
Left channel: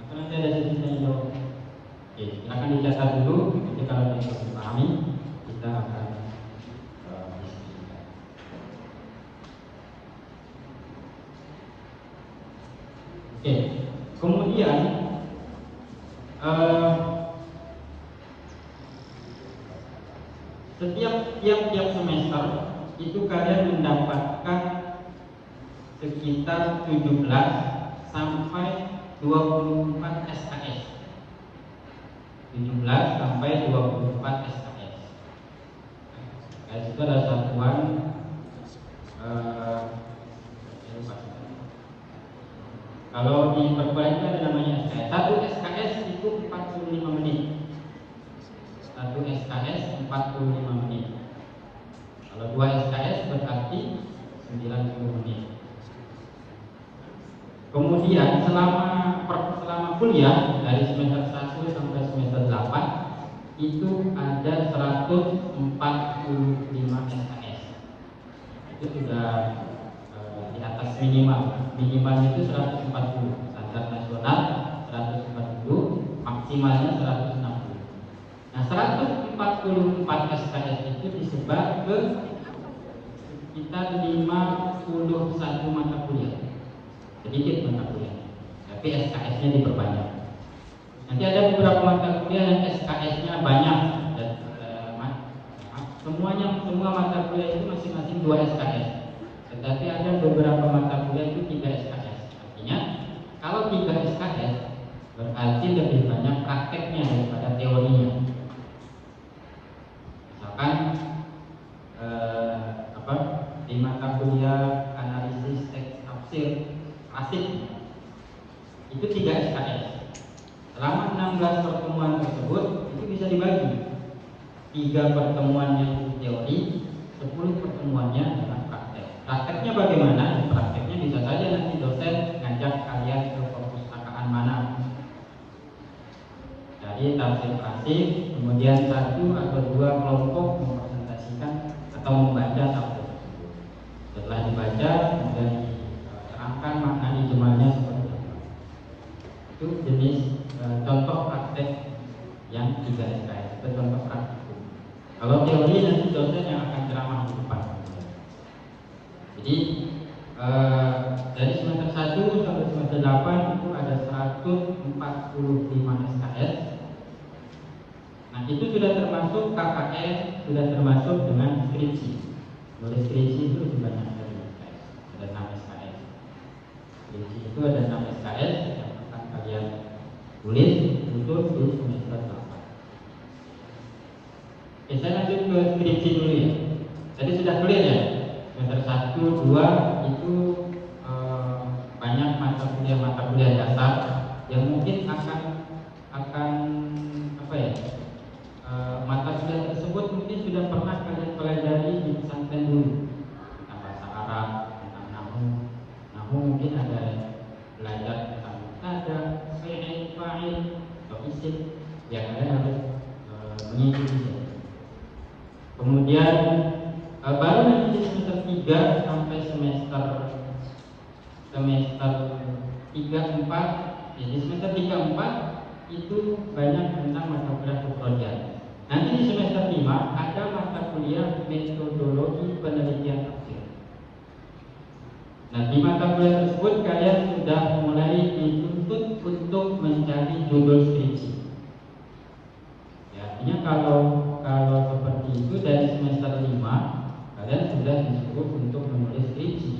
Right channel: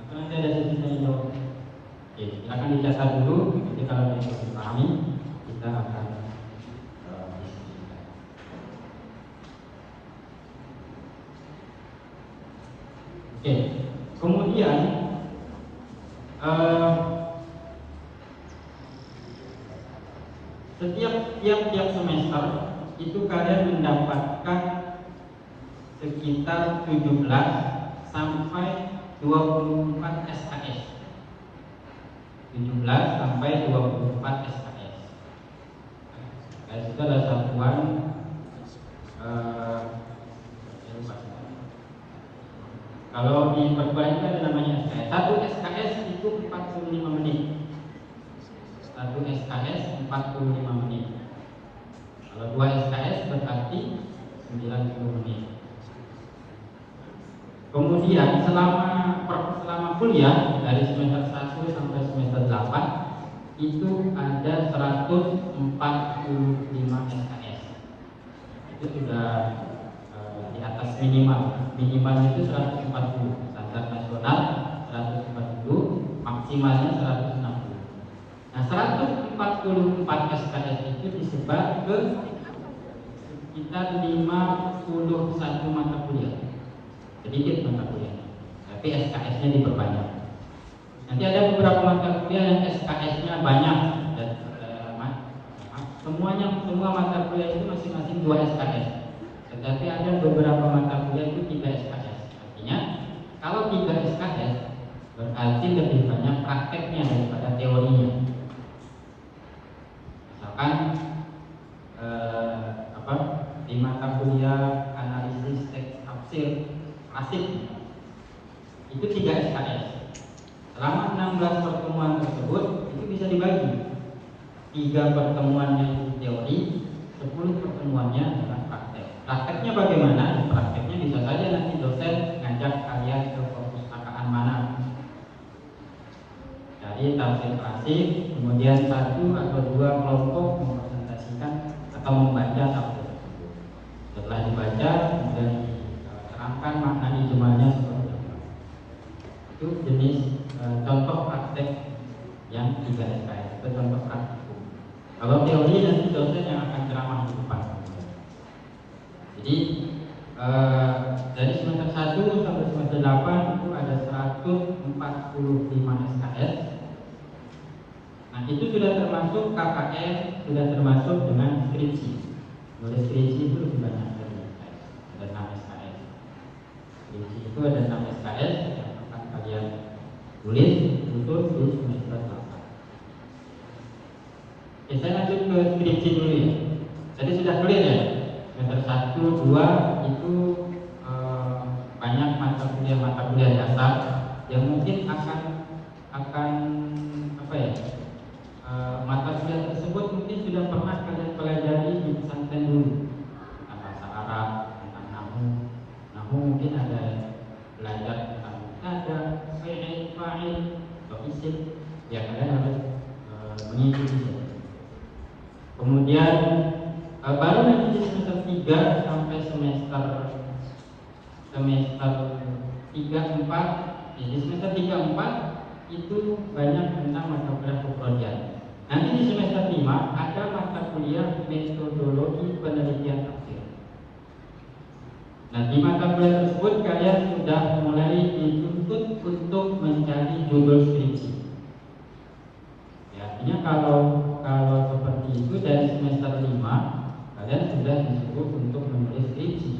Atau nanti ada sesi tanya jawab. Oke, silakan dicatat dulu. Nanti kalau bisa dipahami, kita Oke, kemudian setiap tiap semester itu kalian mendapatkan sekitar 17 sampai 24 SKS. 17 sampai 24 SKS. SKS itu adalah satuan kalau di perguruan itu ada namanya SKS. Satu SKS itu 45 menit. Satu SKS 45 menit. Kalau 2 SKS berarti 90 menit. Kemudian selama kuliah dari semester 1 sampai semester 8 itu ada 145 SKS. Itu sudah di atas minimal itu 140, standar nasional 140, maksimalnya 160. Nah, 144 SKS itu disebar ke sekitar 51 mata kuliah. Sedikit mata kuliah, tapi SKS-nya diperbanyak. Nanti ada beberapa mata kuliah yang SKS-nya banyak. Semua mata kuliah itu masing-masing 2 SKS. Tetapi ada beberapa mata kuliah itu 3 SKS. Artinya kalau 3 SKS berarti lebih banyak prakteknya daripada teorinya. Misalkan di mata kuliah analisis teks tafsir asik itu 3 SKS. Selama 16 pertemuan tersebut itu bisa dibagi 3 pertemuan di teori, 10 pertemuannya dengan praktek. Prakteknya bagaimana? Prakteknya bisa saja nanti dosen ngajak kalian ke perpustakaan mana. Jadi tafsir pasif, kemudian 1 atau 2 kelompok mempresentasikan atau membaca satu. Setelah dibaca, kemudian akan makna ijmalnya seperti itu. Itu jenis contoh praktek yang 3 SKS. Itu contoh praktek. Kalau teori nanti dosen yang akan ceramah di depan. Jadi dari semester 1 sampai semester 8 itu ada 145 SKS. Nah, itu sudah termasuk KKN, sudah termasuk dengan skripsi. Menulis skripsi itu sudah masuk dengan SKS. Ada 6 SKS. Skripsi itu ada 6 SKS yang akan kalian tulis itu di semester 8. Kita lanjut ke skripsi dulu ya. Jadi sudah clear ya. Semester 1, 2 itu banyak mata kuliah dasar yang mungkin akan mata kuliah tersebut mungkin sudah pernah kalian pelajari di pesantren dulu. Bahasa Arab, namun mungkin ada belajar tentang ada fi'il, fa'il, isim yang kalian harus mengikuti. Kemudian baru nanti di semester 3 sampai semester 3, 4, jadi semester 3, 4 itu banyak tentang mata kuliah program. Nanti di semester 5 ada mata kuliah metodologi penelitian akhir. Nah, di mata kuliah tersebut kalian sudah mulai dituntut untuk mencari judul skripsi. Artinya kalau seperti itu dari semester 5 kalian sudah disuruh untuk menulis skripsi.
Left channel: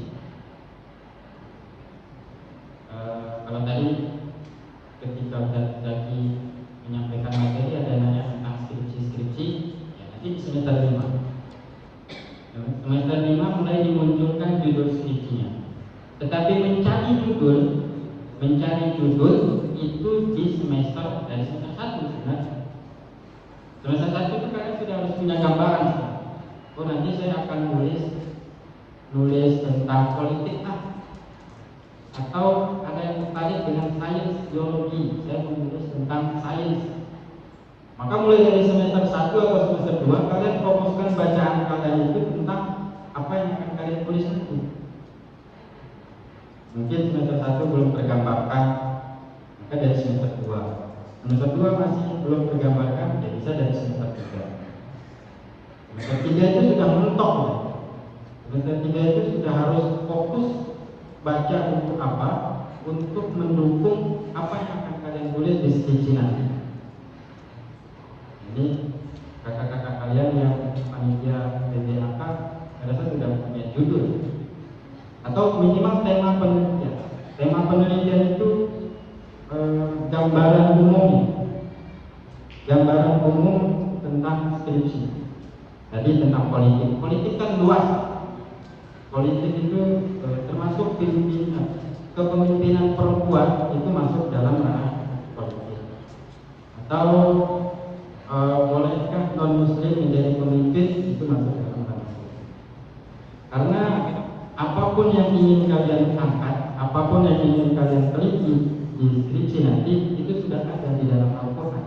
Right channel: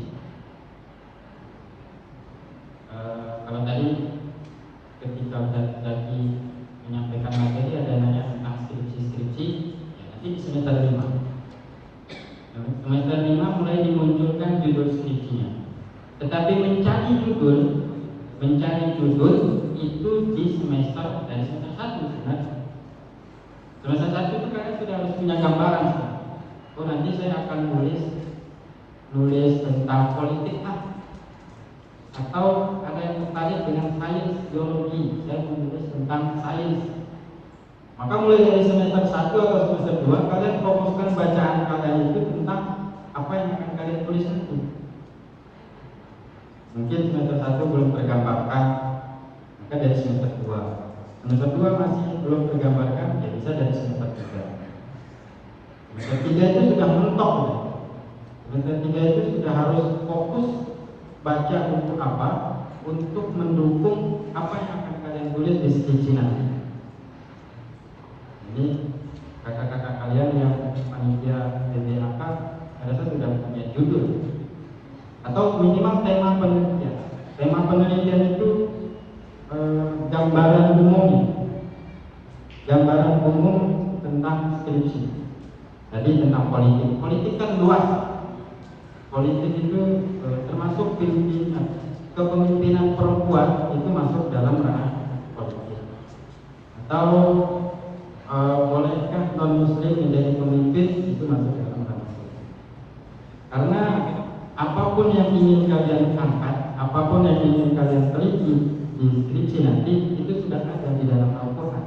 Kalau tadi ketika tadi menyampaikan materi ada nanya tentang skripsi, nanti di semester 5. Semester 5 mulai dimunculkan judul skripsinya. Tetapi mencari judul itu di semester dari semester 1 sebenarnya. Semester 1 itu kalian sudah harus punya gambaran. Oh, nanti saya akan nulis tentang politik atau ada yang tertarik dengan sains biologi, saya menulis tentang sains. Maka mulai dari semester 1 atau semester 2 kalian fokuskan bacaan kalian itu tentang apa yang akan kalian tulis itu. Mungkin semester 1 belum tergambarkan, maka dari semester 2. Semester 2 masih belum tergambarkan, ya bisa dari semester 3. Semester 3 itu sudah mentok. Semester 3 itu sudah harus fokus baca untuk apa? Untuk mendukung apa yang akan kalian tulis di skripsi nanti. Jadi kakak-kakak kalian yang media apa harusnya sudah punya judul atau minimal tema penelitian. Tema penelitian itu gambaran umum tentang skripsi. Jadi tentang politik. Politik kan luas. Politik itu termasuk kepemimpinan perempuan itu masuk dalam ranah politik. Atau bolehkah non muslim menjadi pemimpin itu masuk dalam ranah politik. Karena apapun yang ingin kalian angkat, apapun yang ingin kalian teliti di skripsi nanti itu sudah ada di dalam Al-Quran.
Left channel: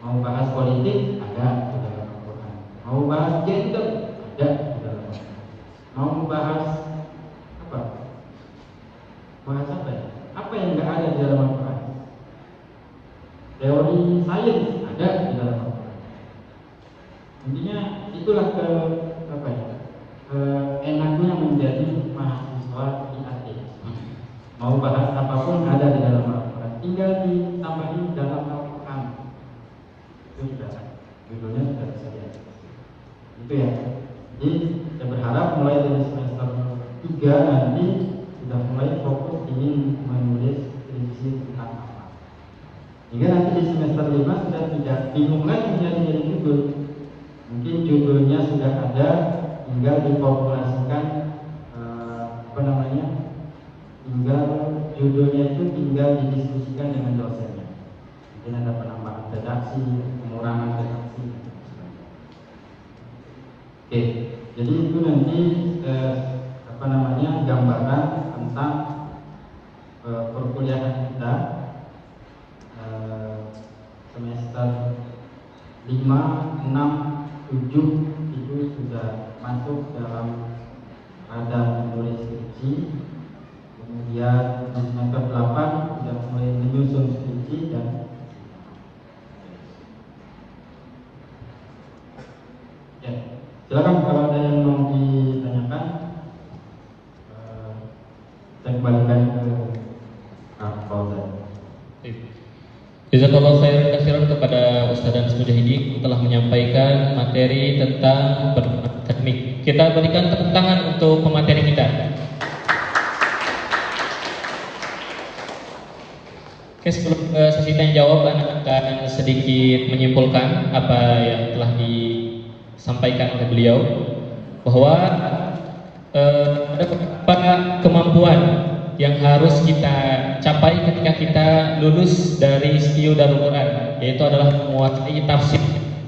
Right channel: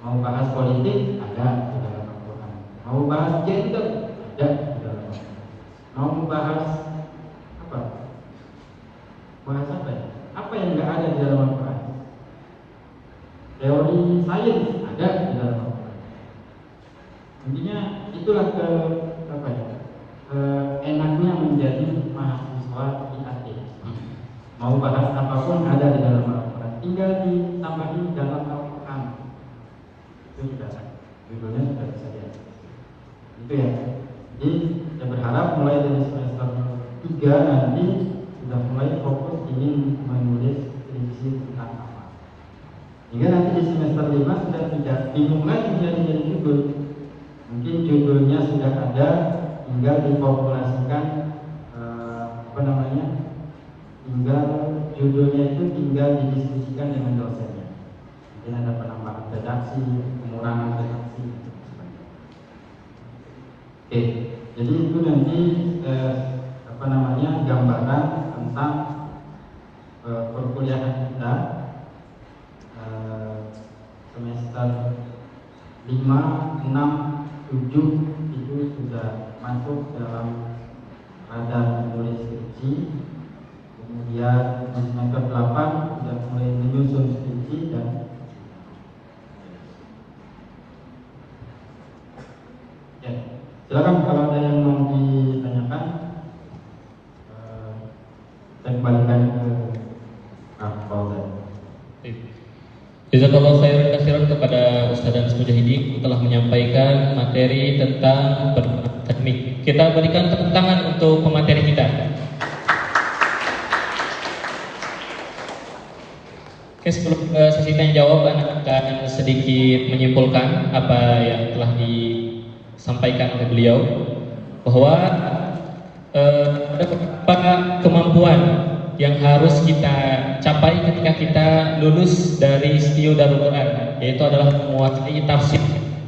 Mau bahas politik ada di dalam Al-Quran. Mau bahas gender ada di dalam Al-Quran. Mau bahas apa? Bahas apa? Apa yang tidak ada di dalam Al-Quran? Teori sains ada di dalam Al-Quran. Intinya itulah enaknya menjadi mahasiswa IAT. Mau bahas apapun ada di dalam Al-Quran. Tinggal ditambahi dalam Al-Quran. Itu sudah judulnya sudah disediakan. Itu ya. Jadi saya berharap mulai dari semester 3 nanti sudah mulai fokus ingin menulis skripsi tentang apa. Hingga nanti di semester 5 sudah tidak bingung lagi menjadi judul. Mungkin judulnya sudah ada, tinggal dipopulasikan tinggal judulnya itu tinggal didiskusikan dengan dosennya. Mungkin ada penambahan redaksi, pengurangan redaksi. Oke, jadi itu nanti gambaran tentang perkuliahan kita semester 5, 6, 7 itu sudah masuk dalam radar menulis skripsi. Kemudian semester 8 sudah mulai menyusun skripsi dan ya, silakan kalau ada yang mau ditanyakan saya kembalikan ke Pak Paul. Jazakallahu khairan katsiran kepada Ustaz dan Mujahidi telah menyampaikan materi tentang akademik. Kita berikan tepuk tangan untuk pemateri kita. Oke, sebelum sesi tanya jawab, anak akan sedikit menyimpulkan apa yang telah disampaikan oleh beliau, bahwa ada beberapa kemampuan yang harus kita capai ketika kita lulus dari STIO Darul Quran, yaitu adalah menguasai tafsir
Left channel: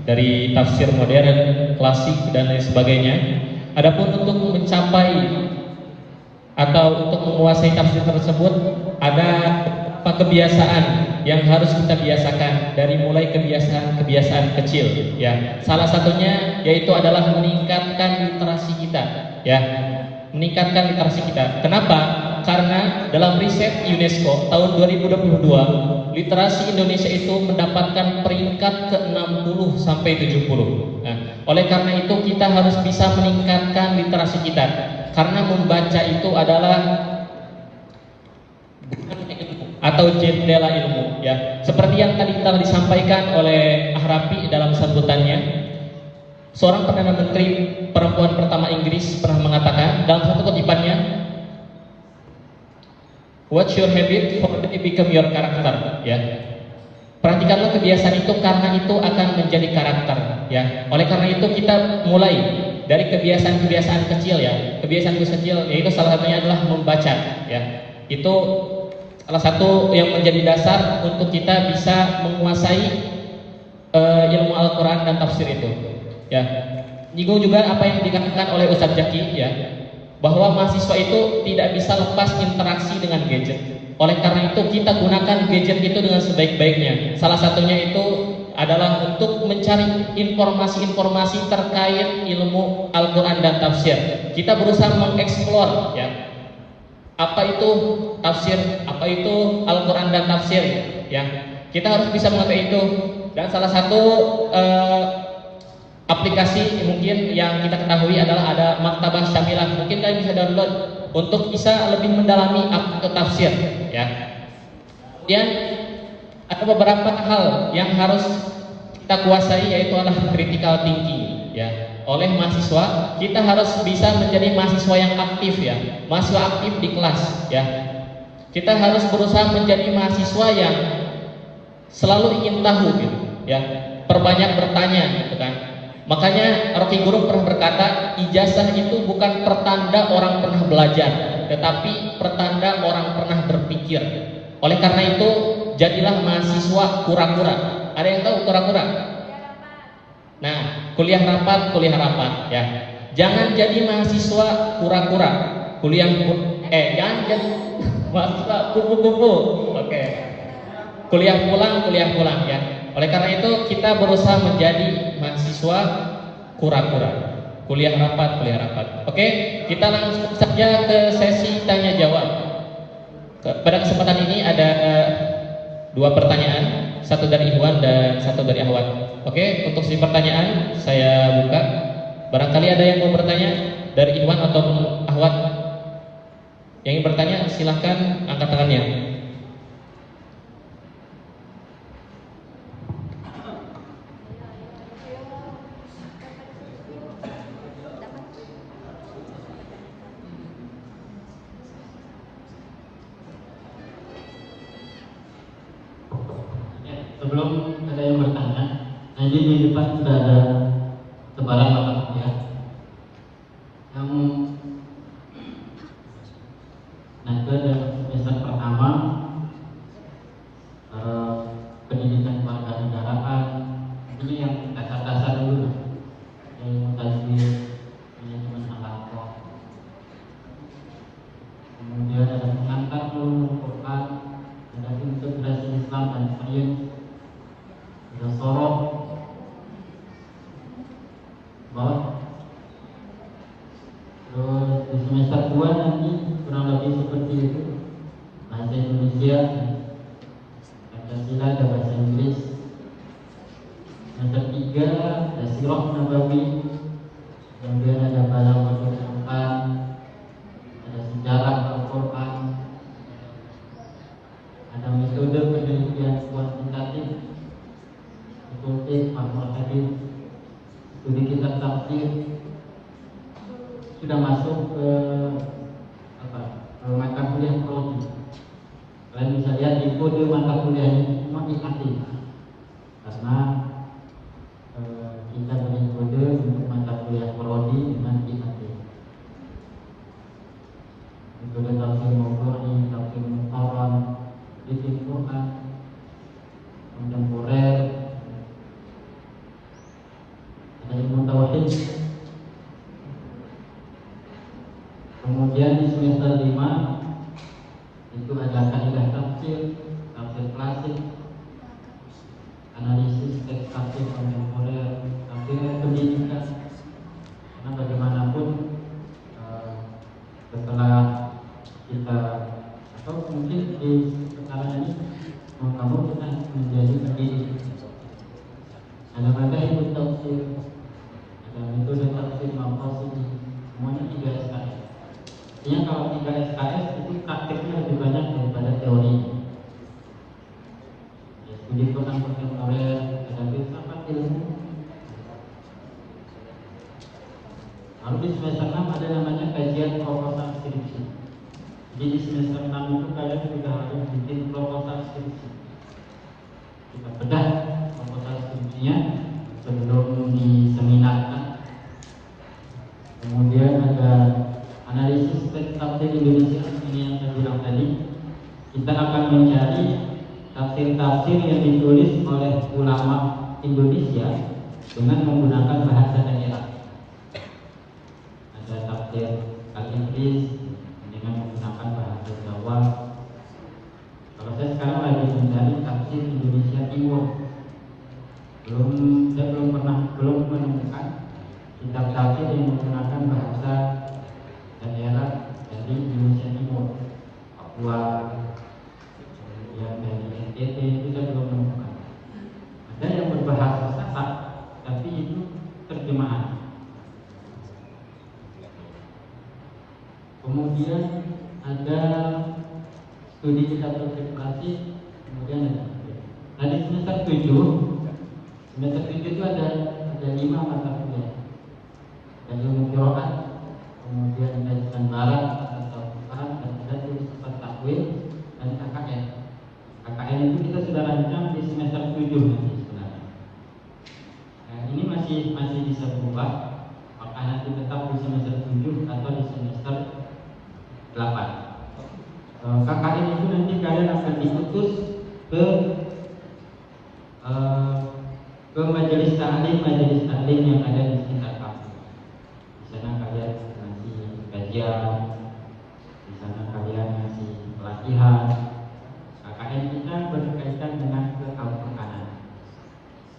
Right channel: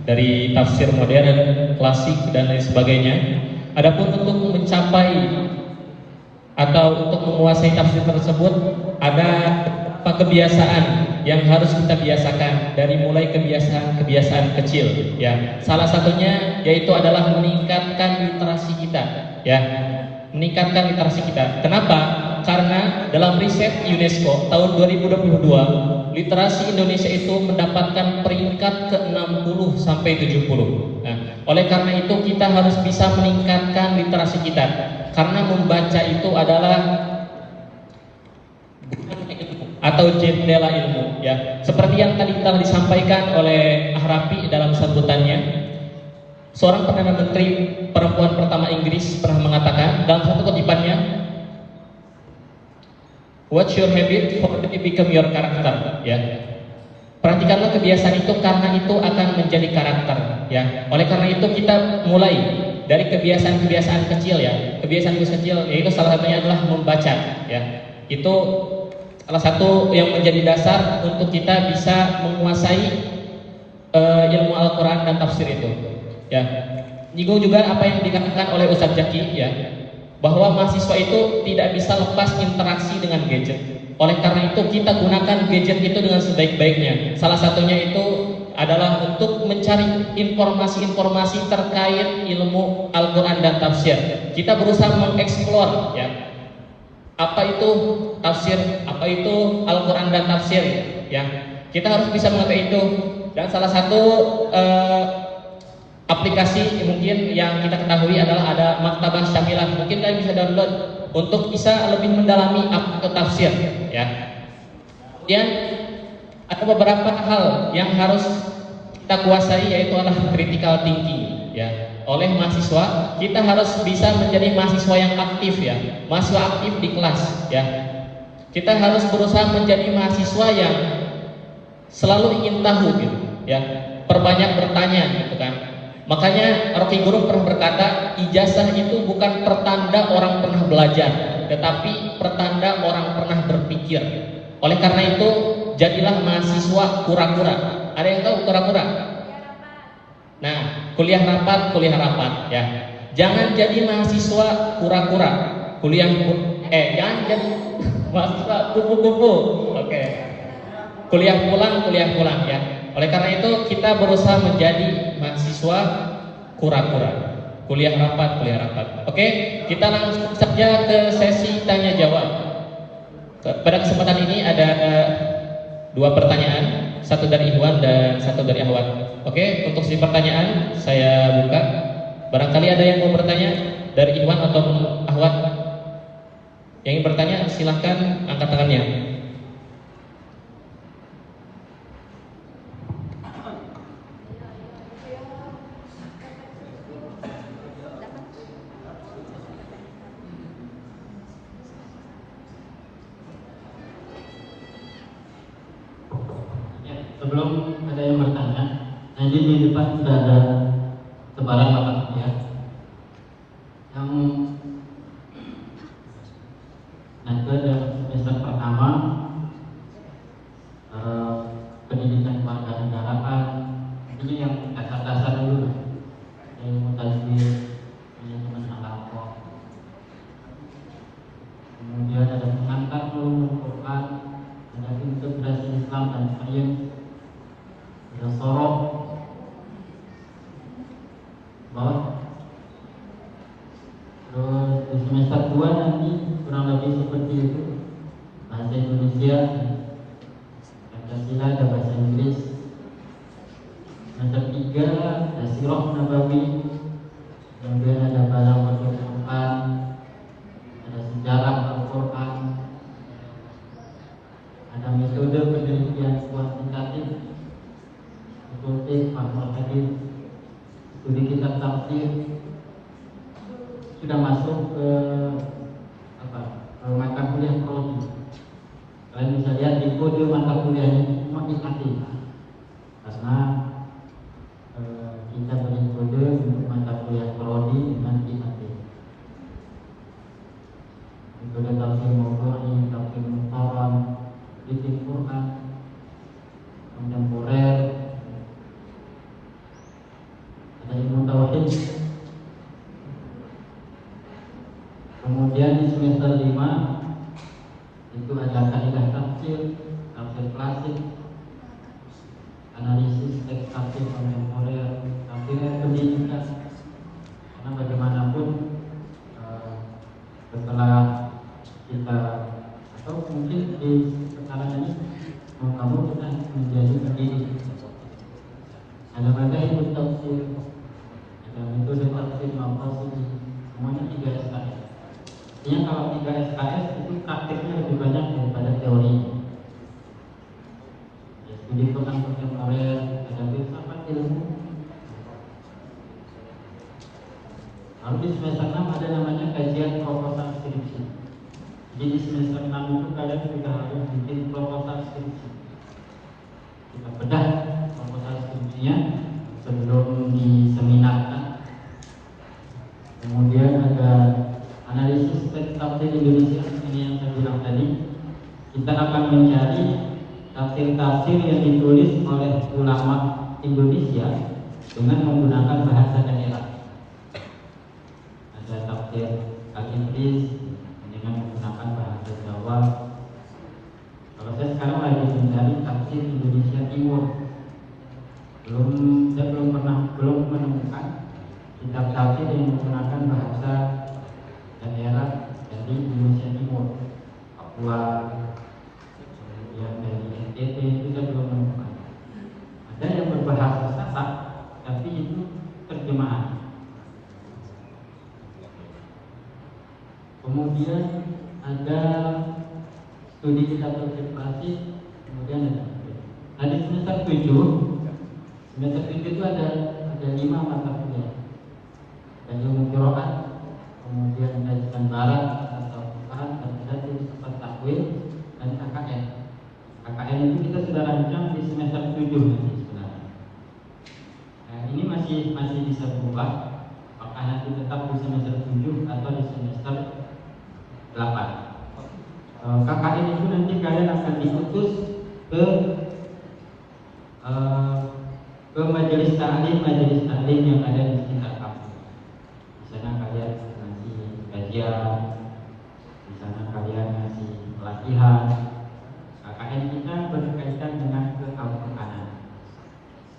dari tafsir modern, klasik dan lain sebagainya. Adapun untuk mencapai atau untuk menguasai tafsir tersebut ada beberapa kebiasaan yang harus kita biasakan, dari mulai kebiasaan kecil ya. Salah satunya yaitu adalah meningkatkan literasi kita ya. Meningkatkan literasi kita. Kenapa? Karena dalam riset UNESCO tahun 2022, literasi Indonesia itu mendapatkan peringkat ke-60 sampai 70. Nah, oleh karena itu kita harus bisa meningkatkan literasi kita. Karena membaca itu adalah atau jendela ilmu ya. Seperti yang tadi telah disampaikan oleh Ahrafi dalam sambutannya. Seorang Perdana Menteri perempuan pertama Inggris pernah mengatakan dalam satu kutipannya, "What's your habit for it become your character?" Ya. Perhatikanlah kebiasaan itu karena itu akan menjadi karakter ya. Oleh karena itu kita mulai dari kebiasaan-kebiasaan kecil ya. Kebiasaan kecil yaitu salah satunya adalah membaca ya. Itu salah satu yang menjadi dasar untuk kita bisa menguasai ilmu Al-Quran dan tafsir itu. Ya, nyinggung juga apa yang dikatakan oleh Ustadz Jaki ya, bahwa mahasiswa itu tidak bisa lepas interaksi dengan gadget. Oleh karena itu kita gunakan gadget itu dengan sebaik-baiknya. Salah satunya itu adalah untuk mencari informasi-informasi terkait ilmu Al-Quran dan tafsir. Kita berusaha mengeksplor ya, apa itu tafsir, apa itu Al-Quran dan tafsir ya. Kita harus bisa mengetahui itu. Dan salah satu aplikasi mungkin yang kita ketahui adalah ada Maktabah Syamilah. Mungkin kalian bisa download untuk bisa lebih mendalami tafsir ya. Kemudian ada beberapa hal yang harus kita kuasai, yaitu adalah critical thinking ya. Oleh mahasiswa, kita harus bisa menjadi mahasiswa yang aktif ya, mahasiswa aktif di kelas ya. Kita harus berusaha menjadi mahasiswa yang selalu ingin tahu gitu ya, perbanyak bertanya gitu kan. Makanya Rocky Gerung pernah berkata, ijazah itu bukan pertanda orang pernah belajar, tetapi pertanda orang pernah berpikir. Oleh karena itu, jadilah mahasiswa kura-kura. Ada yang tahu kura-kura? Nah, kuliah rapat ya. Jangan jadi mahasiswa kura-kura. Jangan jadi mahasiswa kupu-kupu. Oke. Kuliah pulang ya. Oleh karena itu, kita berusaha menjadi mahasiswa kura-kura. Kuliah rapat. Oke, kita langsung saja ke sesi tanya jawab. Pada kesempatan ini ada 2 pertanyaan, satu dari Iwan dan satu dari Ahwat. Oke, untuk sesi pertanyaan saya buka. Barangkali ada yang mau bertanya dari Iwan atau Ahwat? Yang ingin bertanya silahkan angkat tangannya. Sebelum ada yang bertanya, jadi di depan sudah ada sebarang apa ya, yang nakes yang semester pertama pendidikan kewarganegaraan, ini yang dasar-dasar dulu, yang tadi manajemen masyarakat, kemudian ada mengangkat Quran, ada integrasi Islam dan sains, sorot bahwa di semester 2 nanti kurang lebih seperti itu, bahasa Indonesia, Pancasila dan bahasa Inggris. Semester 3 ada Sirah Nabawi, kemudian ada barang Al-Quran, ada sejarah Al-Quran, ada metode penelitian kuantitatif seperti al-hadis, studi kitab tafsir, sudah masuk ke mata kuliah prodi. Kalian bisa lihat di kode mata kuliah ini aktif, karena kita beri kode untuk mata kuliah prodi dan aktif. Kode tafsir maupun tafsir Quran, fikih Quran, kontemporer, ilmu tauhid. Kemudian di semester 5 itu ada kaidah tafsir, tafsir klasik, analisis teks tafsir kontemporer, tafsir pendidikan. Nah, bagaimanapun setelah kita atau mungkin di sekarang ini mau kita menjadi pendidik. Ada ilmu tafsir, ada metode tafsir maupun semuanya 3 SKS. Ini kalau 3 SKS itu praktiknya lebih banyak daripada teori. Ya, studi Quran oleh ada filsafat ilmu. Lalu di semester 6 ada namanya kajian proposal skripsi. Jadi di semester 6 itu kalian sudah ada bikin proposal skripsi. Kita bedah proposal skripsinya sebelum diseminarkan. Kemudian ada analisis teks tafsir Indonesia, ini yang saya bilang tadi. Kita akan mencari tafsir-tafsir yang ditulis oleh ulama Indonesia dengan menggunakan bahasa daerah. Ada tafsir Al-Inggris dengan menggunakan bahasa Jawa. Kalau saya sekarang lagi mencari tafsir Indonesia Timur, saya belum menemukan kitab tafsir yang menggunakan bahasa daerah dari Indonesia Timur, Papua, kemudian dari NTT, itu saya belum menemukan. Ada yang berbahasa Sasak, tapi itu terjemahan. Kemudian ada studi kita terkonsentrasi, kemudian dari semester 7 itu ada 5 mata kuliah. Dari Musyawah, kemudian dari Barat, dan dari Ustaz Takwil, dan KKN. KKN itu kita sudah rancang di semester 7 nanti sebenarnya. Nah, ini masih bisa berubah, apakah nanti tetap di semester 7 atau di semester 8. KKN itu nanti kalian akan diutus ke majelis taklim yang ada di sekitar kampus. Di sana kalian masih kajian, di sana kalian masih pelatihan. KKN kita berkaitan dengan Al-Qur'an.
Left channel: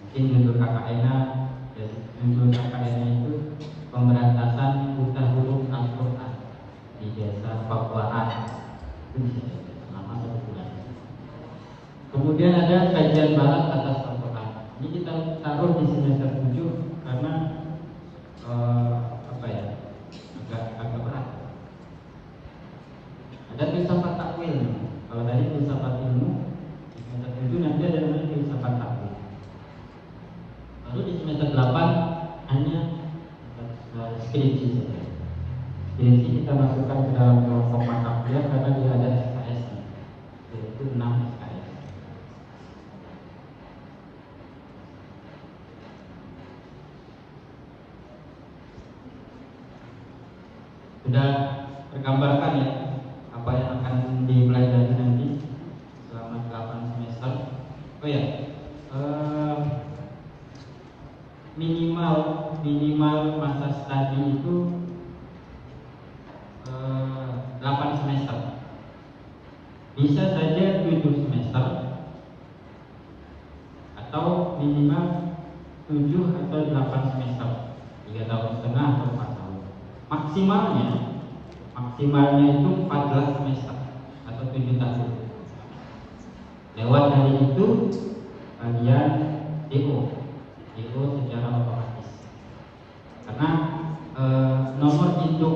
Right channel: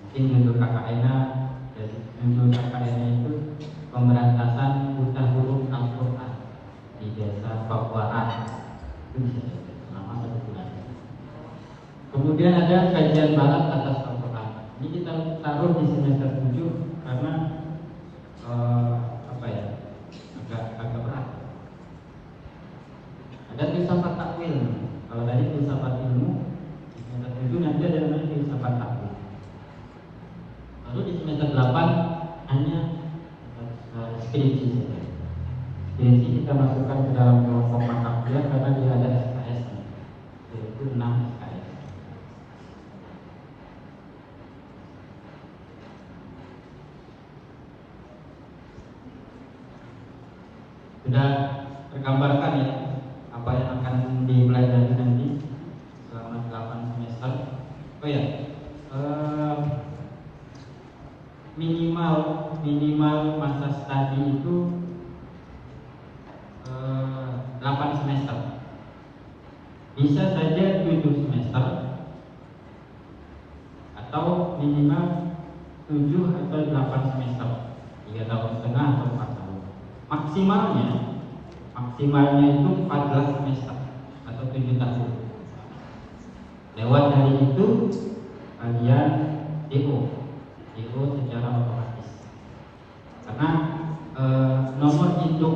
Mungkin judul KKN itu pemberantasan buta huruf Al-Qur'an di desa Pakuan. Kemudian ada kajian barat atas Al-Qur'an. Ini kita taruh di semester 7 karena agak berat. Ada filsafat takwil. Kalau tadi filsafat ilmu, semester 7 nanti ada namanya filsafat takwil. Lalu di semester 8 hanya skripsi saja. Skripsi kita masukkan ke dalam kelompok mata kuliah karena dia ada SKS-nya, yaitu 6 SKS. Sudah tergambarkan ya apa yang akan dipelajari nanti selama 8 semester. Oh ya, minimal masa studi itu 8 semester. Bisa saja 7 semester atau minimal 7 atau 8 semester, 3 tahun setengah atau 4 tahun. Maksimalnya itu 14 semester atau 7 tahun. Lewat dari itu kalian IO secara otomatis. Karena nomor induk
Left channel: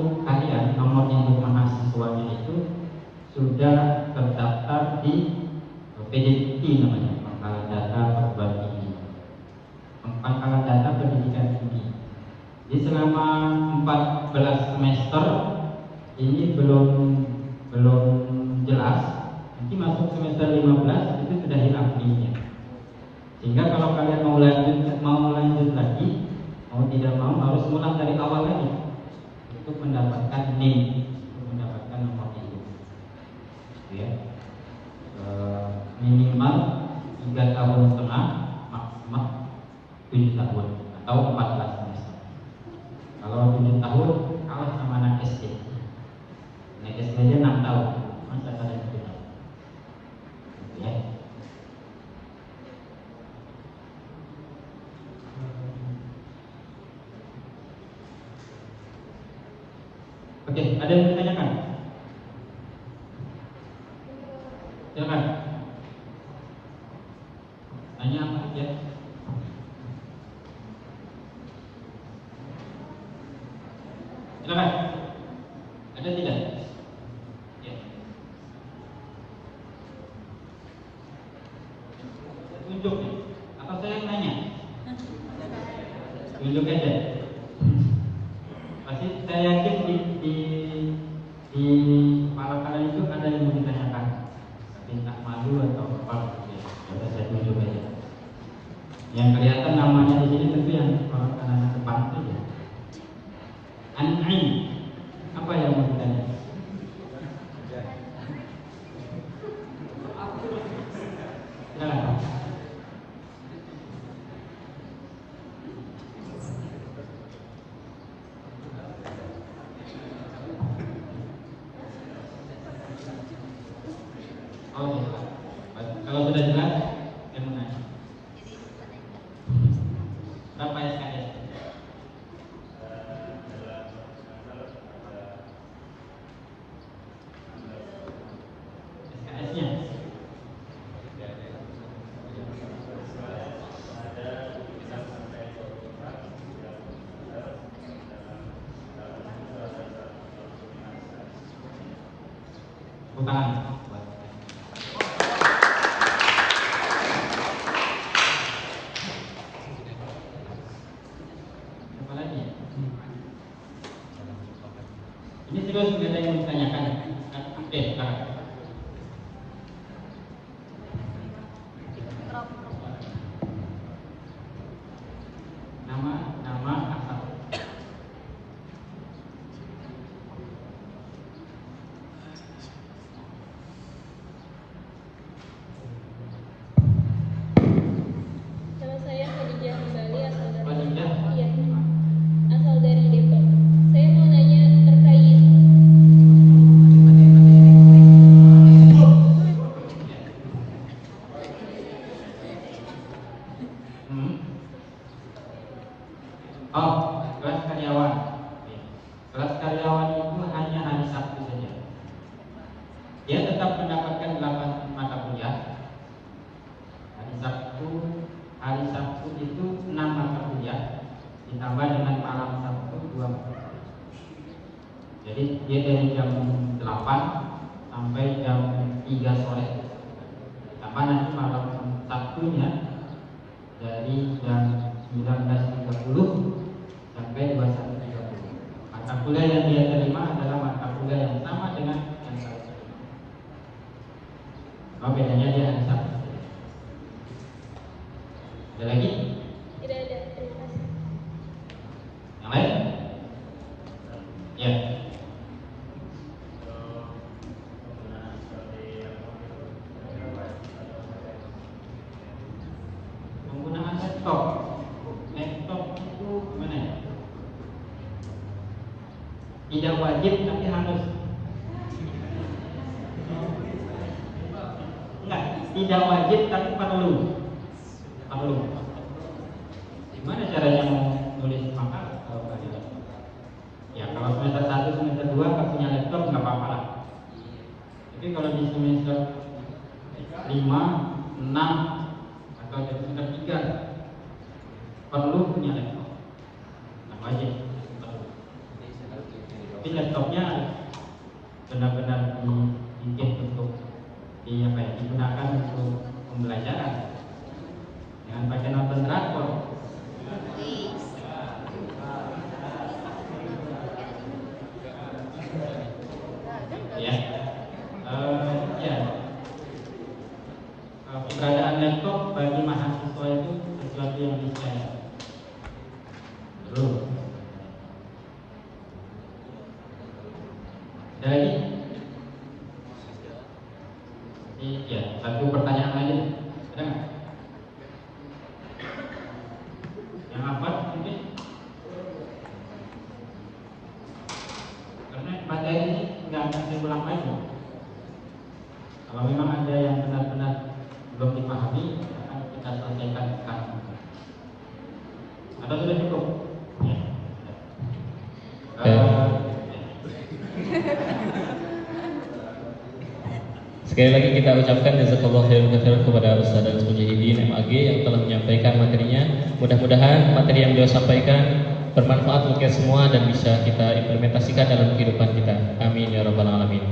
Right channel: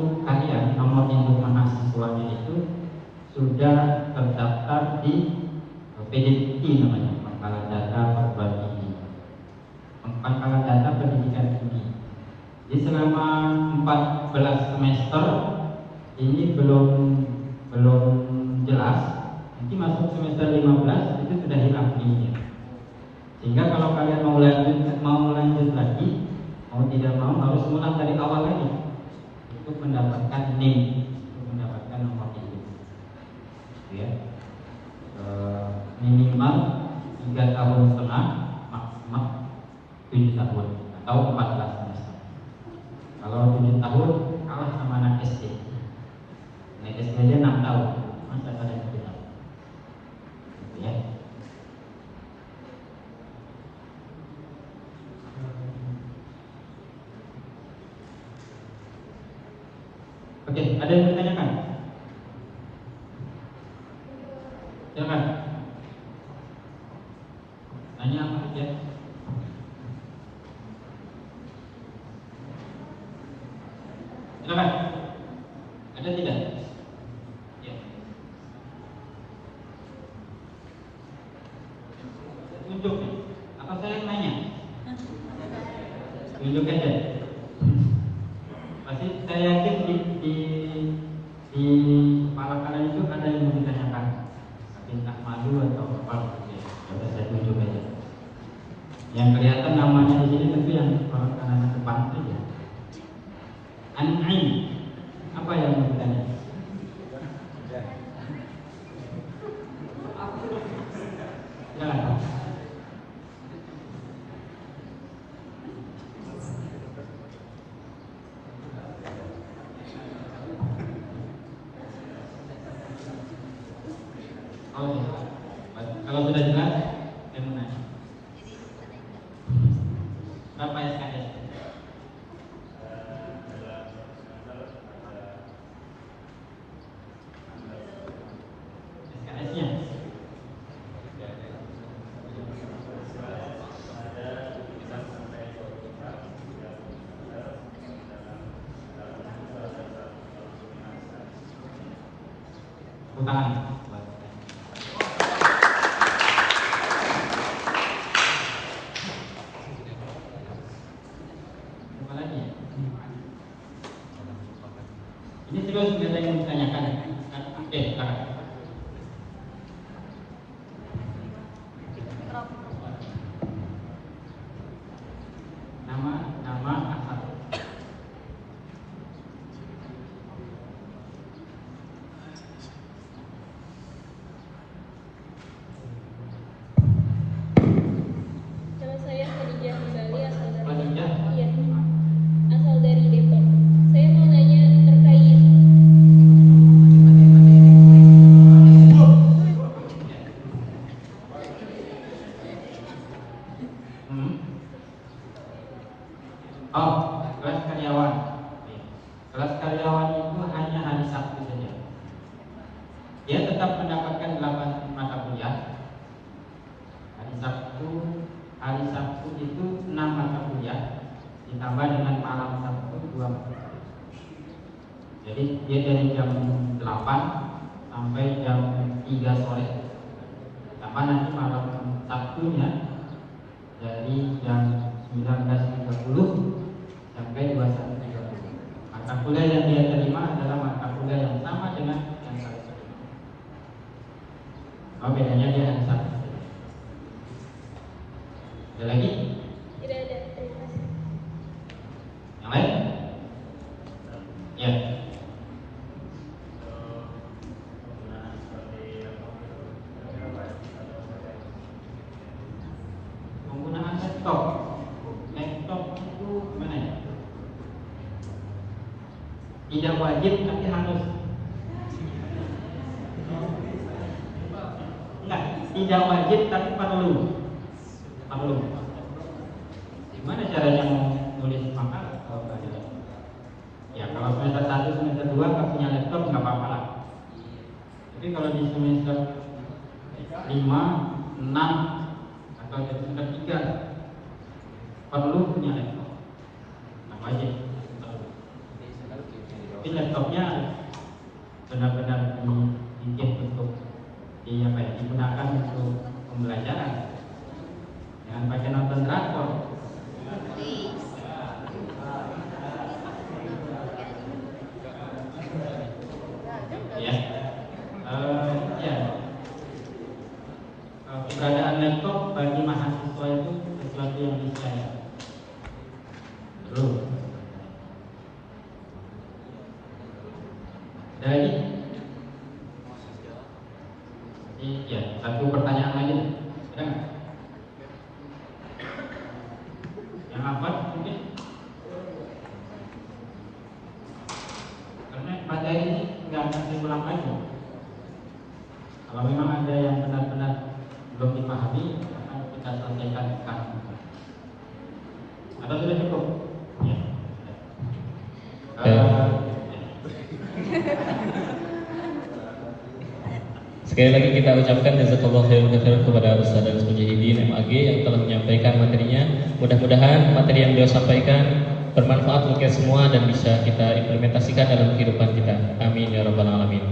mahasiswanya itu sudah terdaftar di PDP namanya, Pangkalan Data Perguruan Tinggi. Pangkalan Data Pendidikan Tinggi. Jadi selama 14 semester ini belum jelas. Nanti masuk semester 15 itu sudah diakui. Sehingga kalau kalian mau lanjut lagi, mau tidak mau harus ulang dari awal lagi untuk mendapatkan NIM, mendapatkan nomor induk. Ya. Minimal 3 tahun setengah, maksimal 7 tahun atau 14 semester. Kalau 7 tahun, harus sama anak SD. Anak SD aja 6 tahun, masa kalian tidak? Ya. Oke, ada yang ditanyakan? Silakan. Tanya saja. Silakan. Ada tidak? Ya. Tunjuk. Apa saya tanya? Tunjuk aja. Pasti saya yakin di para kalian itu ada yang ditanyakan. Tentang malu atau apa? Ada saya tunjuk aja. Yang kelihatan namanya di sini tapi yang kalau kalian depan itu ya. An-Ain. Apa yang ditanya? Nah. Kalau sudah jelas, gimana? Apa yang ada? KS-nya. tangan. Apa lagi? Ini juga sebenarnya yang ditanyakan update Pak. Nama asal. Nama saya Khadijah Bali, asal dari Khadijah? Iya, asal dari Depok. Saya mau nanya terkait Kelas karyawan. Kelas karyawan itu hanya hari Sabtu saja. Dia tetap mendapatkan 8 mata kuliah. Hari Sabtu itu 6 mata kuliah, ditambah dengan malam Sabtu 2. Jadi dia dari jam 8 sampai jam 3 sore. Tambah nanti malam Sabtunya dari jam 19.30 sampai 21.30. Mata kuliah yang dia terima adalah mata kuliah yang sama dengan yang saya terima. Bedanya dia hanya satu. Ada lagi? tidak ada. Terima kasih. Yang lain? Ya. Penggunaan laptop. Laptop itu gimana ya? Tidak wajib tapi harus. Enggak, tidak wajib tapi perlu. Gimana caranya nulis makalah kalau tidak? Ya kalau semester 1, semester 2 nggak punya laptop nggak apa-apa. Tapi kalau di semester 5, 6 atau semester 3 perlu punya laptop. Nah, wajib. Tapi laptopnya benar-benar dibikin untuk digunakan untuk pembelajaran. Jangan pakai nonton drakor. Ya, keberadaan laptop bagi mahasiswa itu sesuatu yang niscaya. Belum. Jadi, ya satu pertanyaan lagi. Ada nggak? Yang apa? Mungkin. Karena materi ini nggak akan diulang lagi. Kalau memang ada yang benar-benar belum dipahami, akan kita sampaikan sekarang. Apa sudah cukup? Ya. Sekali lagi kita ucapkan jazakallahu khairan kepada Ustaz dan Mujahidin MAG yang telah menyampaikan materinya. Mudah-mudahan materi yang beliau sampaikan bermanfaat untuk kita semua dan bisa kita implementasikan dalam kehidupan kita. Amin ya rabbal alamin.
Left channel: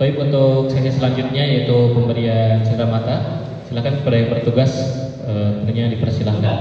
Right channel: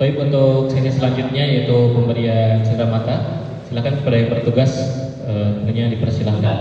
Baik, untuk sesi selanjutnya yaitu pemberian sirah mata. Silakan kepada yang bertugas tentunya dipersilahkan.